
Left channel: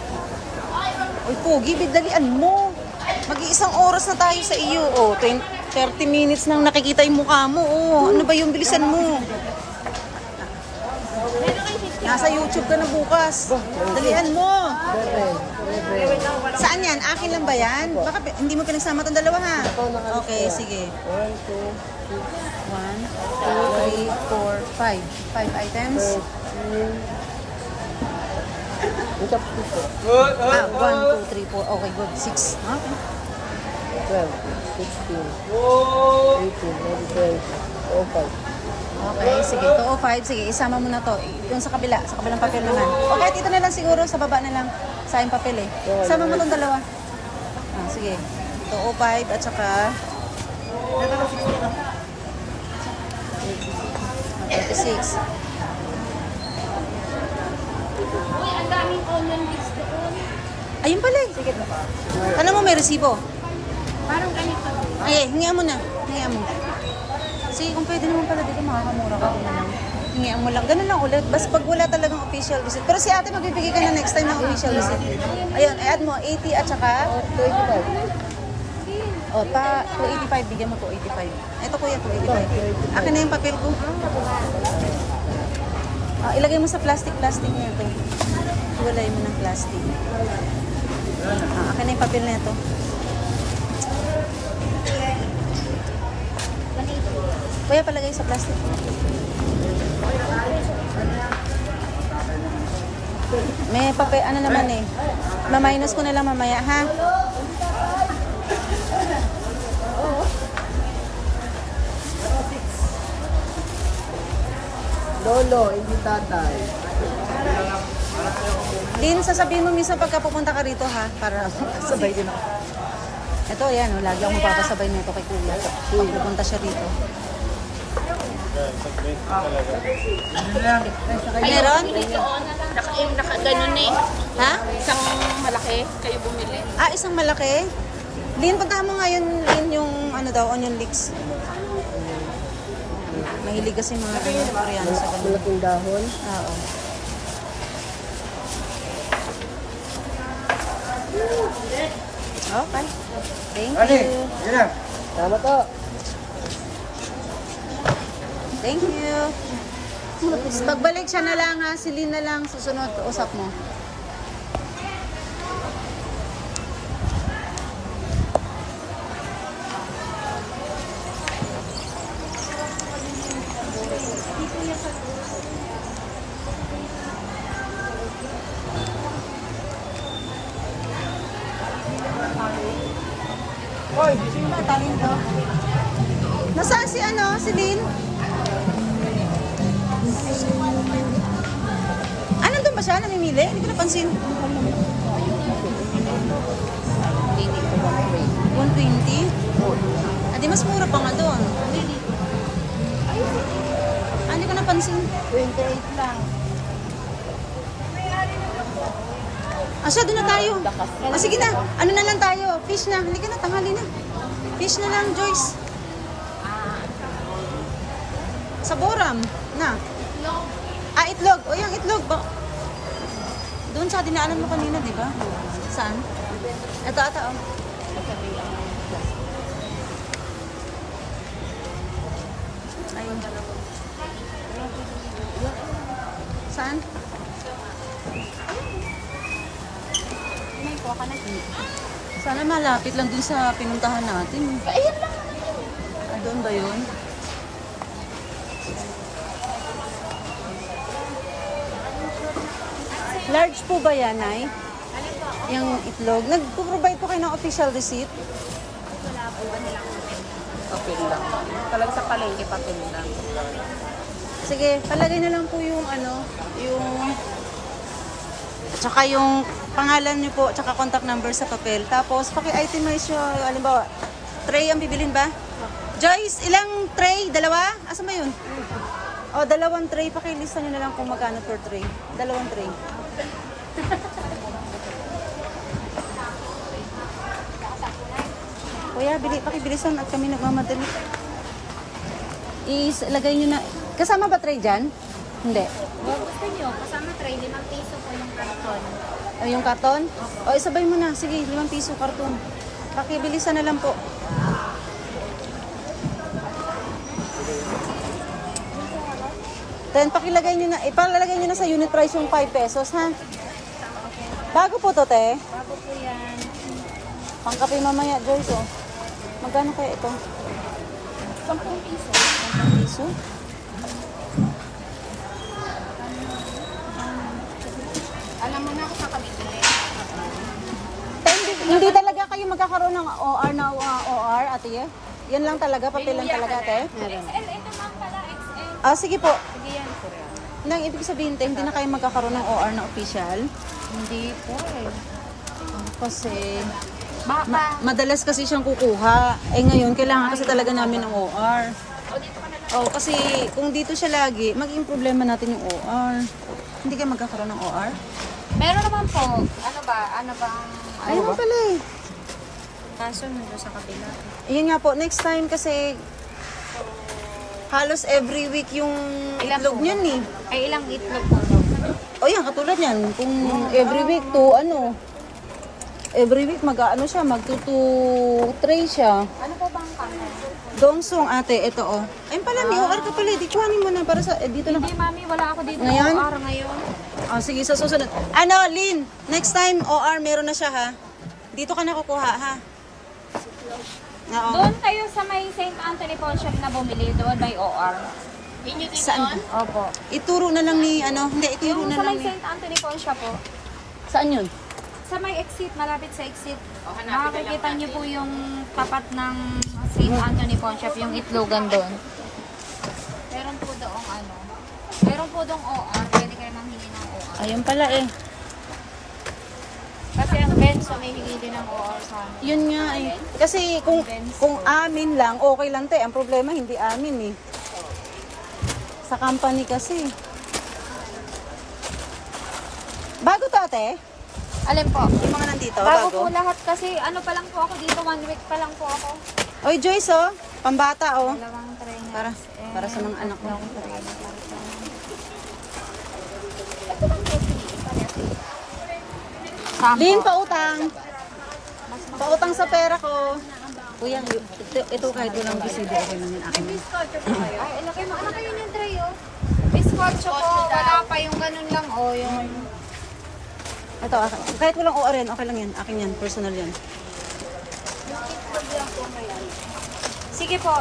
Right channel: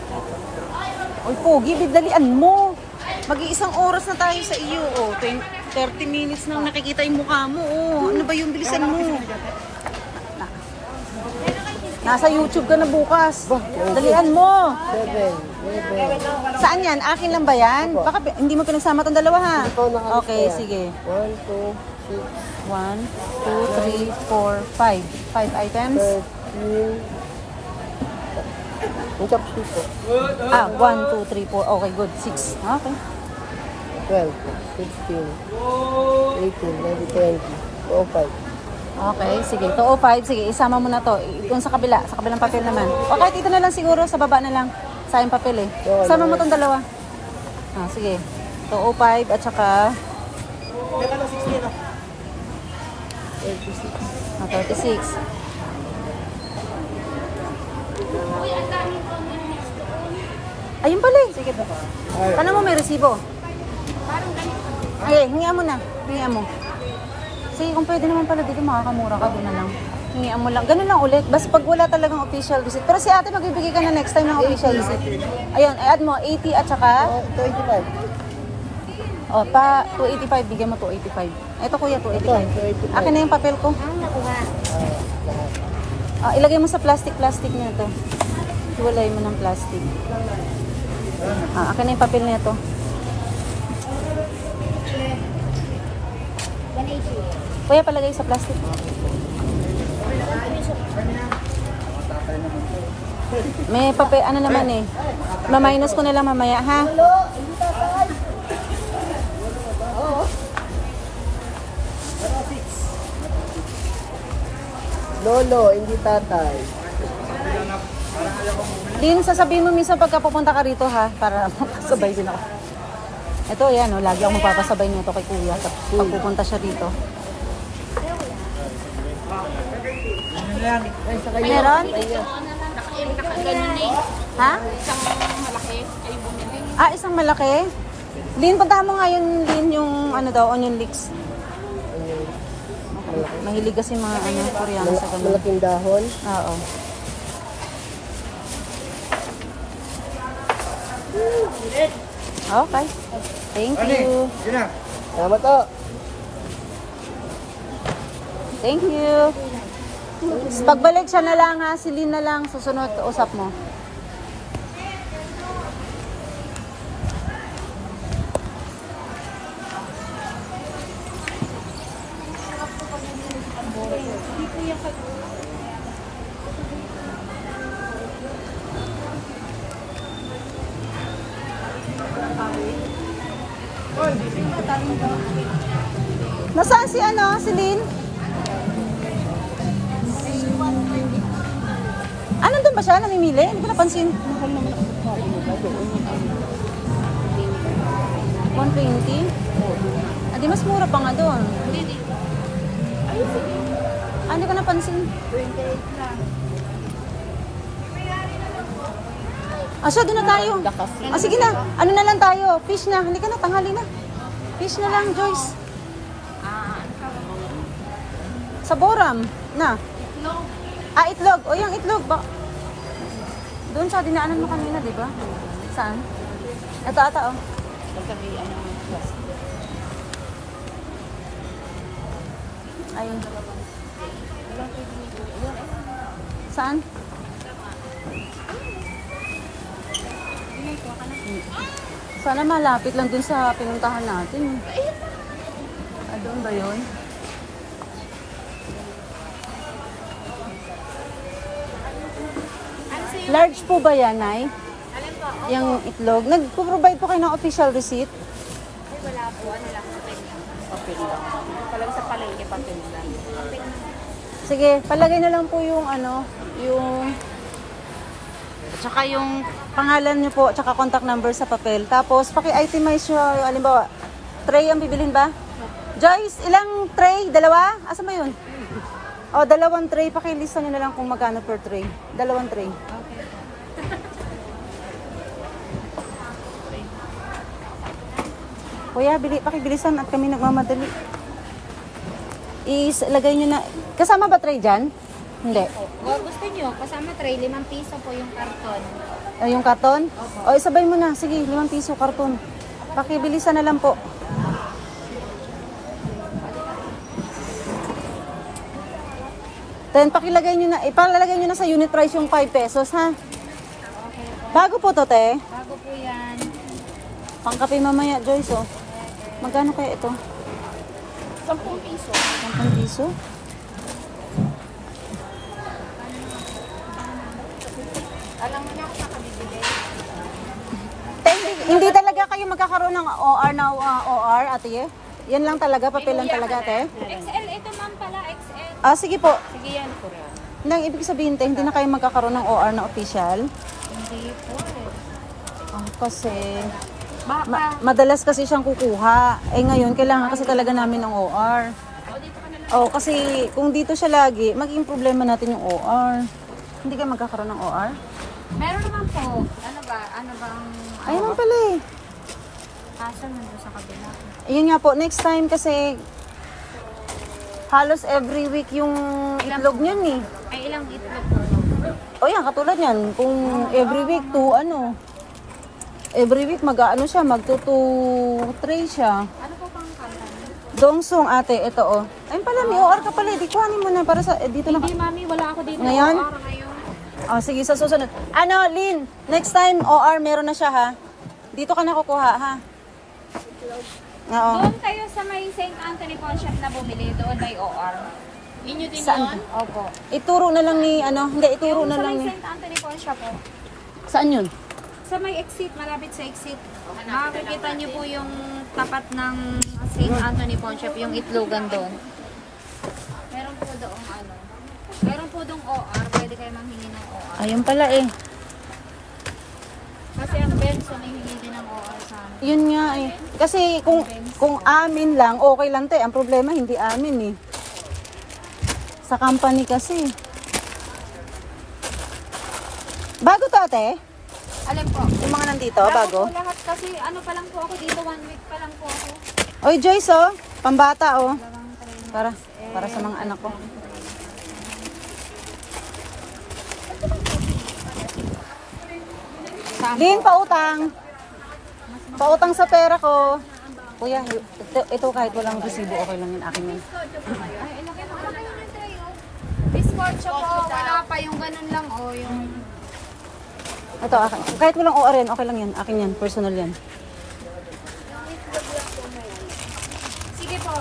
Oy, pogi, bigdalian mo. Mag-iisang oras na tayo sa iyo. 30 minutes nang nakikita yung mukha mo. Ano ba yung bilisan mo? Nasa YouTube ka na bukas. Dalian mo. Saan yan? Akin lang ba yan? Baka hindi mo pinagsama itong dalawa ha? Okay, sige. 1, 2, 3, 4, 5. 5 items. 1, 2, 3, 4. Okay, good. 6. Okay. 12, 16, 18, 19, 20, 25. Okay, sige. 205. Sige, isama mo na to. Yung sa kabila. Sa kabilang papel naman. O kahit ito na lang siguro. Sa baba na lang. Sayang papel eh. Sama mo tong dalawa. Sige. 205 at saka 36. Ayun pala eh. Tanong mo may resibo. Parang ganito. Ay, hingian mo na. Hingian mo. Sige, kung pwede naman pala dito, makakamura ka din na lang. Hingian mo lang. Ganun lang ulit. Basta pag wala talagang official receipt. Pero si ate, magbibigay ka na next time ng official receipt. Ayun, add mo 80 at saka 25. 285. Bigyan mo 285. Ito kuya, 285. Akin na yung papel ko. Ilagay mo sa plastic na ito. Iwalay mo ng plastic. Akin na yung papel na ito. 180. Kuya, palagay sa plastic. May papel, naman eh. Ma-minus ko na lang mamaya, ha? Lolo, hindi tatay. Din, sasabihin mo minsan pagka pupunta ka rito, ha? Para makasabay din ako. Ito, yan, lagi akong magpapasabay nito kay kuya. Pag pupunta siya dito. Meron? Naka-ganon eh. Ha? Isang malaki, kayo bumili. Isang malaki? Lin, puntahan mo nga yun, Lin, yung onion leeks. Mahilig kasi mga Koreano sa ganun. Malaking dahon. Oo. Okay. Thank you. Salamat po. Thank you. Pagbalik siya na lang ha, si Lin na lang, susunod, usap mo. Nasaan si ano? Si Lynn? Ah, nandun ba siya? Namimili? Hindi ko napansin. 120? Ah, di mas mura pa nga doon. Ah, hindi ko napansin. 28 lang. Ah, so doon na tayo. Ah, sige na. Ano na lang tayo? Fish na. Halika na, tanghali na. Fish na lang, Joyce. Sa Boram. Na. Ah, itlog. O, yung itlog ba? Doon sa dinaanan mo kanina, di ba? Saan? Ito ata, oh. Ayun. Saan? Sana malapit lang dun sa pinuntahan natin. Ah, doon ba yun? Large po ba yan, Nay? Yung itlog. Nag-provide po kayo ng official receipt? Papel lang. Talagang sa palengke papel lang. Sige, palagay na lang po yung ano, yung at saka yung pangalan niyo po, at saka contact number sa papel. Tapos, paki-itemize yung, halimbawa, tray ang bibilin ba? Joyce, ilang tray? Dalawa? Asa ba yun? O, 2 tray. Pakilista nyo na lang kung magkano per tray. 2 tray. Kuya, pakibilisan at kami nagmamadali. Ilagay nyo na. Kasama ba tray dyan? Hindi. Kung gusto nyo, kasama tray, 5 piso po yung karton. Yung karton? O, isabay mo na. Sige, 5 piso karton. Pakibilisan na lang po. Then, pakilagay nyo na. Ipalalagay nyo na sa unit price yung 5 pesos, ha? Bago po to, te. Bago po yan. Pangkape mamaya, Joyce, oh. Magkano kaya ito? 5 piso? Alam mo na ako sa kabibili. Hindi talaga kayo magkakaroon ng OR na OR, ate? Yan lang talaga, papel lang talaga, ate? XL, ito ma'am pala, XL. Ah, sige po. Sige yan. Nang ibig sabihin, te, hindi na kayo magkakaroon ng OR na official? Hindi po eh. Kasi Baka. madalas kasi siyang kukuha. Eh ngayon, kailangan kasi talaga namin ng OR. Oh, kasi kung dito siya lagi, magiging problema natin yung OR. Hindi kayo magkakaroon ng OR? Meron naman po. Ano ba? Ano bang... Ayun ba? Pala eh. Kaso nandun sa kabila. Yun nga po, next time kasi halos every week yung itlog niyan eh. Ay, ilang itlog po no? O yan, katulad yan. Kung every week every week mag-ano siya, mag-2 siya. Ano po bang kanay? Dongsong ate, ito oh. Ayun pala, may OR ka pala. Di kuhanin mo na para sa, dito na. Hindi mami, wala ako dito. Ngayon? OR ngayon. Oh, sige, sa susunod. Ano, Lynn, next time OR meron na siya ha. Dito ka na kukuha ha. Oo. Doon kayo sa may St. Anthony Pawn Shop na bumili doon by OR. Yun yung din Saan? doon? Opo. Ituro na lang ni, ano, hindi, ituro na Sa lang may ni. St. Anthony Pawn Shop po. Saan yun? Sa may exit, malapit sa exit. Makikita niyo po yung tapat ng St. Anthony Pawn Shop, yung itlogan doon. Meron po doong ano. Meron po doong OR, pwede kayo manghingi ng OR. Ayun pala eh. Kasi ang Benzo may hingi din ng OR sa amin. Yun nga eh. Kasi kung amin lang, okay lang tayo. Ang problema, hindi amin eh. Sa company kasi. Bago to ate? Alin po? Yung mga nandito, Bago bago? po lahat kasi ano pa lang po ako dito, 1 week pa lang po ako. Oy Joyce oh, pambata oh. Dalawang tray na. Para sa mga anak ko. Lin, pautang. Pautang sa pera ko. Kuya, ito kahit walang resibo, okay lang yun akin. Ay, ilagay mo na kayo yung tray oh. Bizcocho po, wala pa yung ganun lang oh, yung... Ito akin. Kahit walang OR yan, okay lang yan. Akin yan, personal yan. Sige po.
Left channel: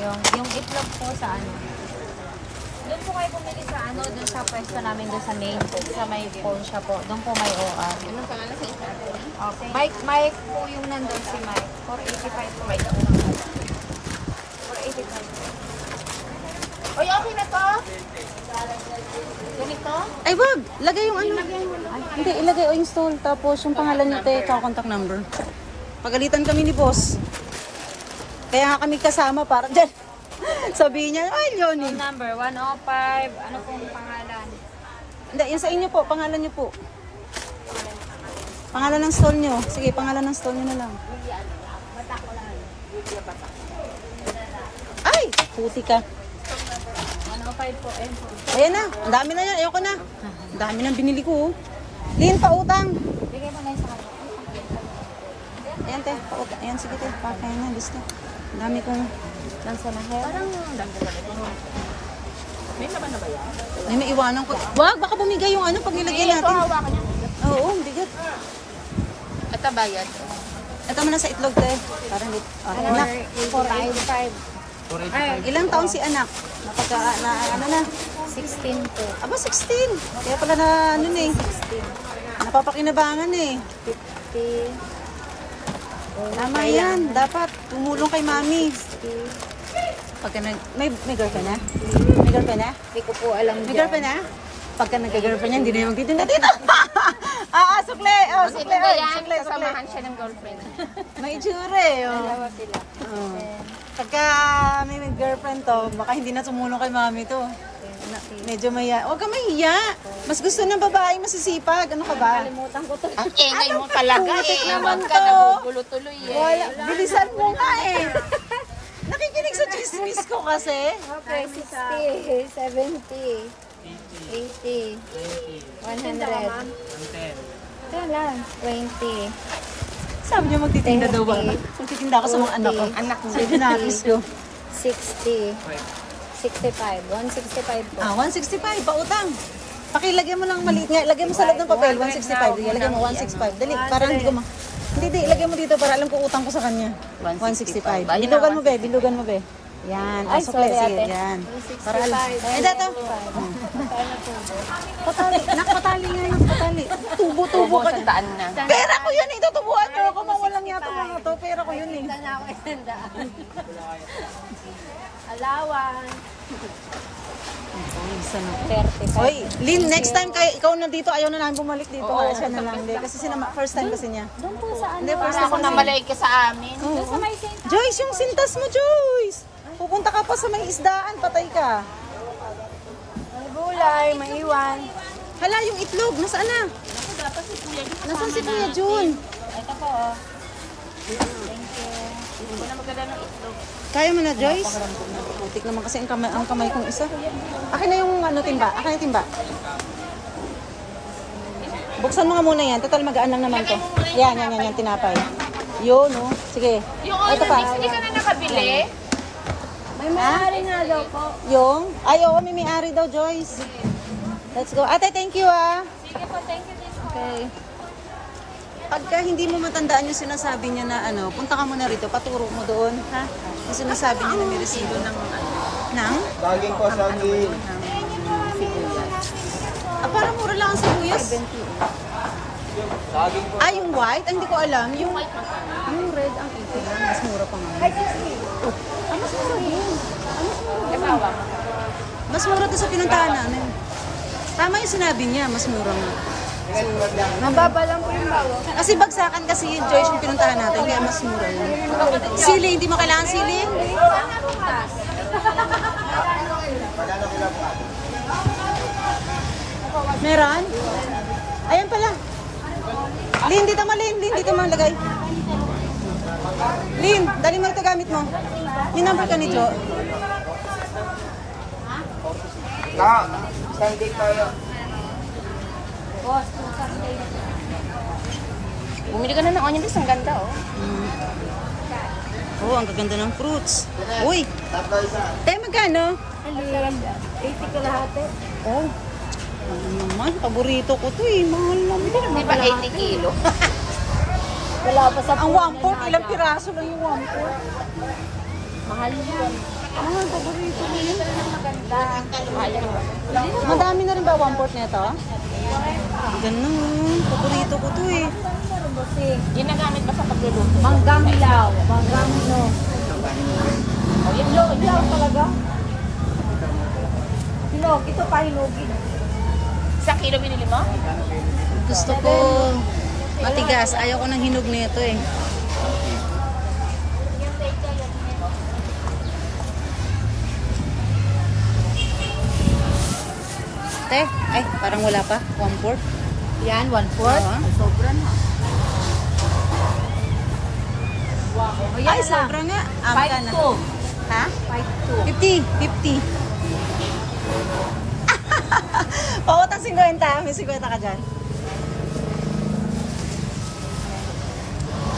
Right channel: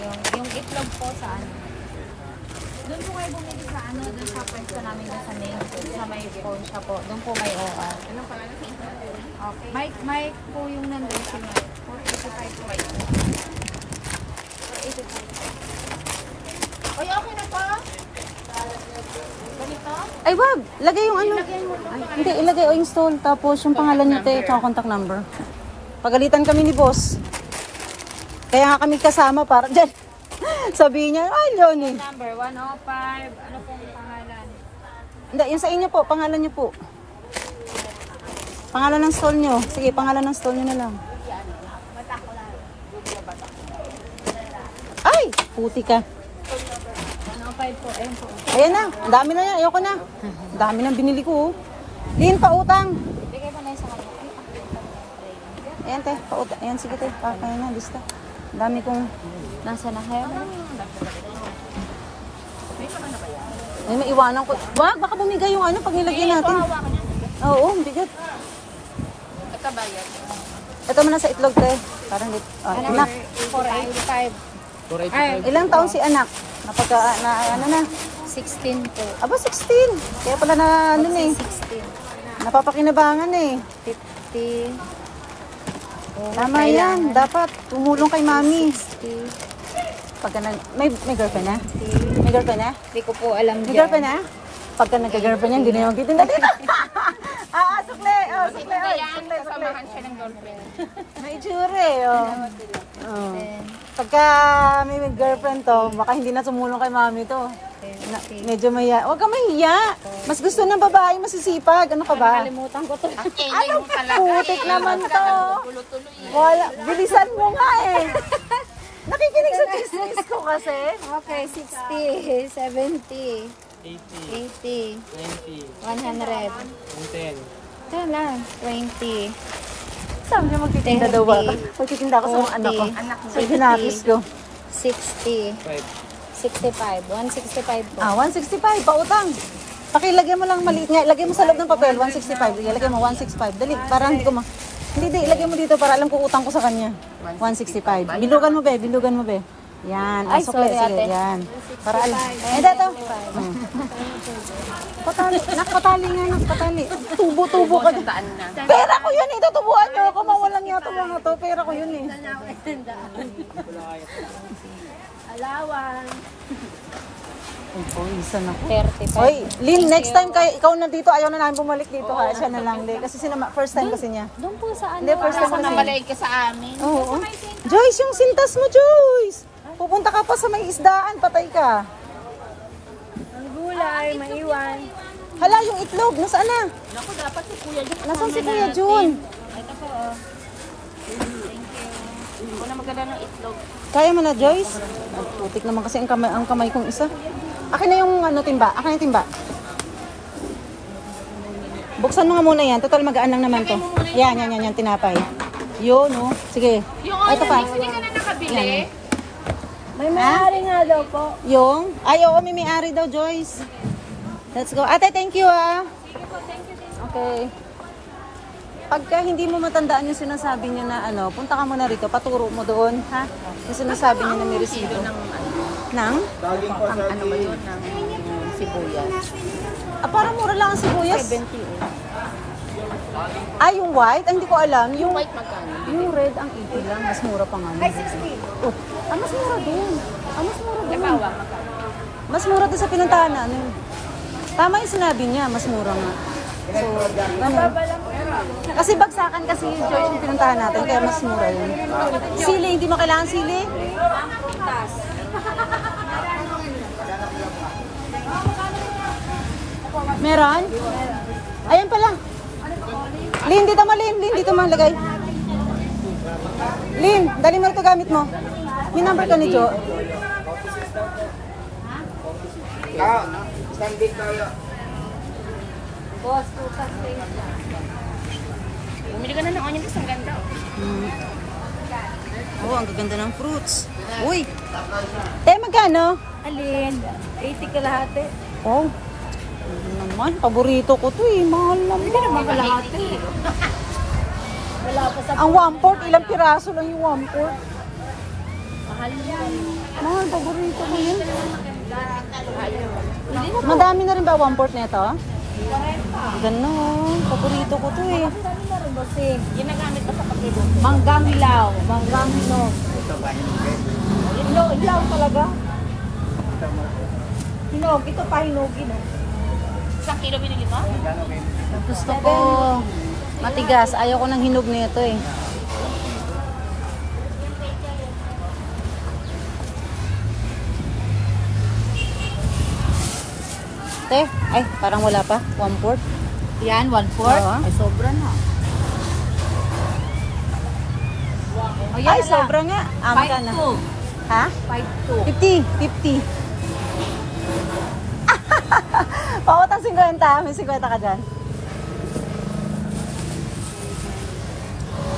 Yung itlog po sa ano. Doon po kayo bumili sa ano, doon sa pwesto namin doon sa main, sa may phone shop po. Doon po may OR. Okay. Mike po yung nandun si Mike. 485 po. 485. Oy, okay na to? Ganito? Ay, wag! Lagay yung ano. Hindi, ilagay yung install. Tapos yung pangalan niyo tayo, yung contact number. Pagalitan kami ni boss. Kaya nga kami kasama para dyan. Sabihin niya, ay, Leonie. Number 105. Ano pong pangalan? Hindi, yung sa inyo po, pangalan niyo po. Pangalan ng stall niyo. Sige, pangalan ng stall niyo na lang. Ay! Puti ka. 105 po. Ayun po. Ayan na. Ang dami na yan. Ayoko na. Ang dami na binili ko. Lin, pautang. Ayan, te. Pautang. Ayan, sige, te. Okay na. Lista. Ang dami kong... Nasa na hair? Ay, naiwanan ko. Wag, baka bumigay yung ano pag nilagyan natin. Oo, bigat. Ito bayad. Ito mo na sa itlog, te. Parang anak. 85. Ilang taon si anak? Napagka, ano na? 16 po. Aba, 16. Kaya pala na, ano na eh. Napapakinabangan eh. 50. Tama yan. Dapat tumulong kay mami. Pagka may girlfriend na? May girlfriend na? Hindi ko po alam May dyan. girlfriend na? Pagka nagka-girlfriend niya, hindi na yung magtitinda dito. Sukle. Oh, sukle. Oy, sukle. Samahan siya ng girlfriend. May itsura eh. Oh. Oh. Pagka may girlfriend to, baka hindi na tumulong kay mami to. Medyo mahiya. Huwag ka mahiya. Mas gusto ng babae masisipag. Ano ka ba? Ang ingay mo talaga. Putik naman to. Tuloy eh. Wala. Bilisan mo nga eh. Nakikinig sa chismis ko kasi. Okay, 60, 70, 80, 100, 110. ito na, 20, Sabi niya magtitinda daw ba? Magtitinda ako sa mga anak ko. Sa ginapis ko. 60, 65, 165 po. 165. Pautang. Pakilagyan mo lang maliit nga. Lagay mo sa loob ng papel. 165. Lagay mo 165. Dali. Para hindi ko Hindi. Ilagay mo dito para alam ko utang ko sa kanya. 165. Bilugan mo be. Yan. Sukle. Sige. Yan. Para alam. Dato. Nakpatali nga. Tubo ka dyan. Pera ko yan eh. Tutubuan nyo ako. Mawalan nga ito mga to. Pera ko yun eh. Alawan. Hoy, Lynn, next time kaya ikaw na dito, ayaw na namin bumalik dito. Siya na lang. Kasi first time kasi niya. Doon po saan? Hindi, first time Ako kasi. na malaig ka sa amin. Oo. Joyce, yung sintas mo, Joyce. Pupunta ka pa sa may isdaan, patay ka. Ang gulay, maiwan. Hala, yung itlog, nasaan na? Nasaan si Kuya Jun? Ito po, oh. Wala maganda ng itlog. Kaya mo na, Joyce? Putik naman kasi ang kamay kong isa. Akin na yung timba. Akin yung timba. Buksan mo nga muna yan. Total magaan lang naman to. Yan, tinapay. Yun, no? Sige. Yung Onyx, hindi ka na nakabili? May may-ari nga daw po. Yung? Ayaw, may may-ari daw, Joyce. Let's go. Ate, thank you, ah. Sige po, thank you. Okay. Pagka hindi mo matandaan yung sinasabi niya na punta ka muna rito, paturo mo doon. Ha? Yung sinasabi niya na niresito. Nang? Ano ba yun? Sibuyas. Parang mura lang ang sibuyas. 70. Yung white? Hindi ko alam. Yung White magkano? yung red ang 80 lang. Mas mura pa nga. Mas mura doon sa pinuntahan namin. Tama yung sinabi niya, mas mura nga. So, kasi bagsakan kasi yung Joyce yung pinuntahan natin, kaya mas mura yun. Sili, hindi mo kailangan sili? Meron? Ayan pala. Lin, dito malagay. Lin, dali mo ito gamit mo. May number ka ni Jo. Sunday tayo. Bumili ka na ng onions, ang ganda oh. Oh, ang gaganda ng fruits. Uy! Te, magkano? Alin? 80 ka lahat eh. Oh. Ano naman, paborito ko to eh. Mahal naman. Di ba 80 kilo? Wala pa sa Ang 1/4, ilang piraso lang yung 1/4. mahal yun. Mahal, paborito mo yun. Madami na rin ba 1/4 nito? Ganda oh. Paborito ko to eh. Kasi Ginagamit ko sa pagluluto. manggang law. Manggang mo. Ilaw talaga. Hinog. Ito pa hinugin. Isang kilo binili mo? Gusto ko matigas. Ayaw ko ng hinog nito eh. Te, ay parang wala pa. 1/4. Yan, 1/4. Oo. Ay, sobra na. O yan Ay, na lang. sobra nga. Magkano? 5-2. Ha? 5-2. 50. 50. Pakutang 50. May 50 ka dyan.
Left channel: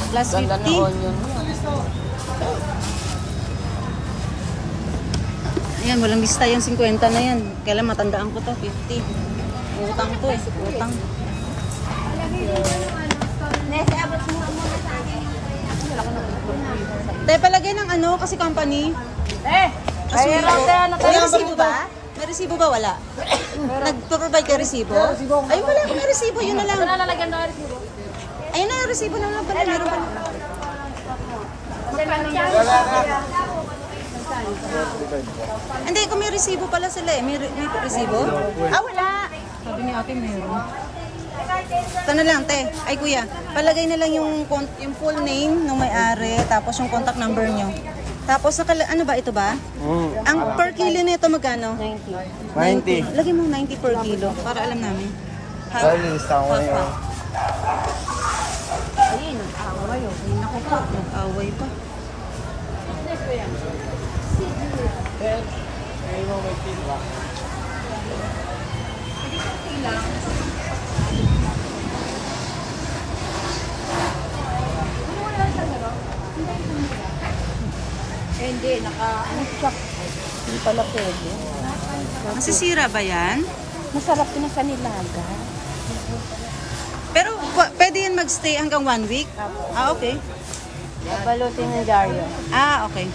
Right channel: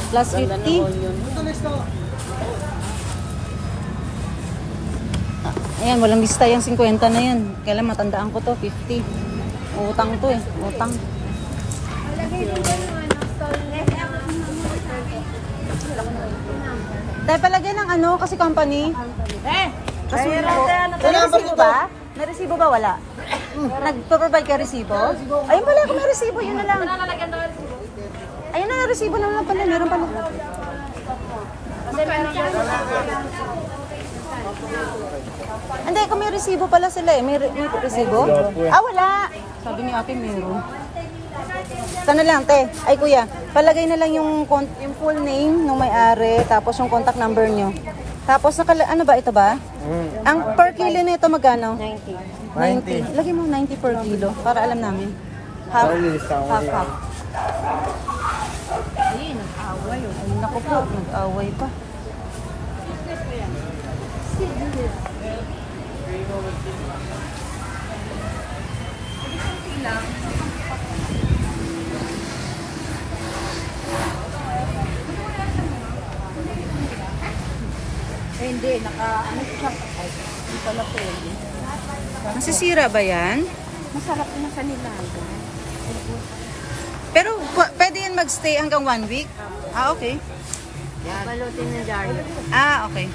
Plus 50. Ayan, walang lista yung 50 na yan. Kailan matandaan ko to, 50. Utang to eh, utang. Lagay din ko yung ano, stall. Next, abot mo muna sa akin. Dahil palagay ng ano, kasi company. Kasuyo ko. May resibo ba? May resibo ba? Wala. Nagpo-provide ka resibo? Ayun pala, kung may resibo, yun na lang. Ayun na yung resibo naman pala. Meron pala. Hindi, kung may resibo pala sila eh. May resibo? Ah, wala. Sabi niyo ate, meron. Ito na lang, te. Ay, kuya. Palagay na lang yung full name ng may-ari, tapos yung contact number nyo. Tapos, ano ba? Ito ba? Ang per kilo nito magkano? 90. Lagay mo 90 per kilo, para alam namin. Half, half. Ayun, nag-away. Ay, naku po, nag-away pa. Nasisira ba yan? Masarap na kanila. Pero pwede yan magstay hanggang 1 week? Ah, okay. Balutin ng dyaryo. Ah, okay.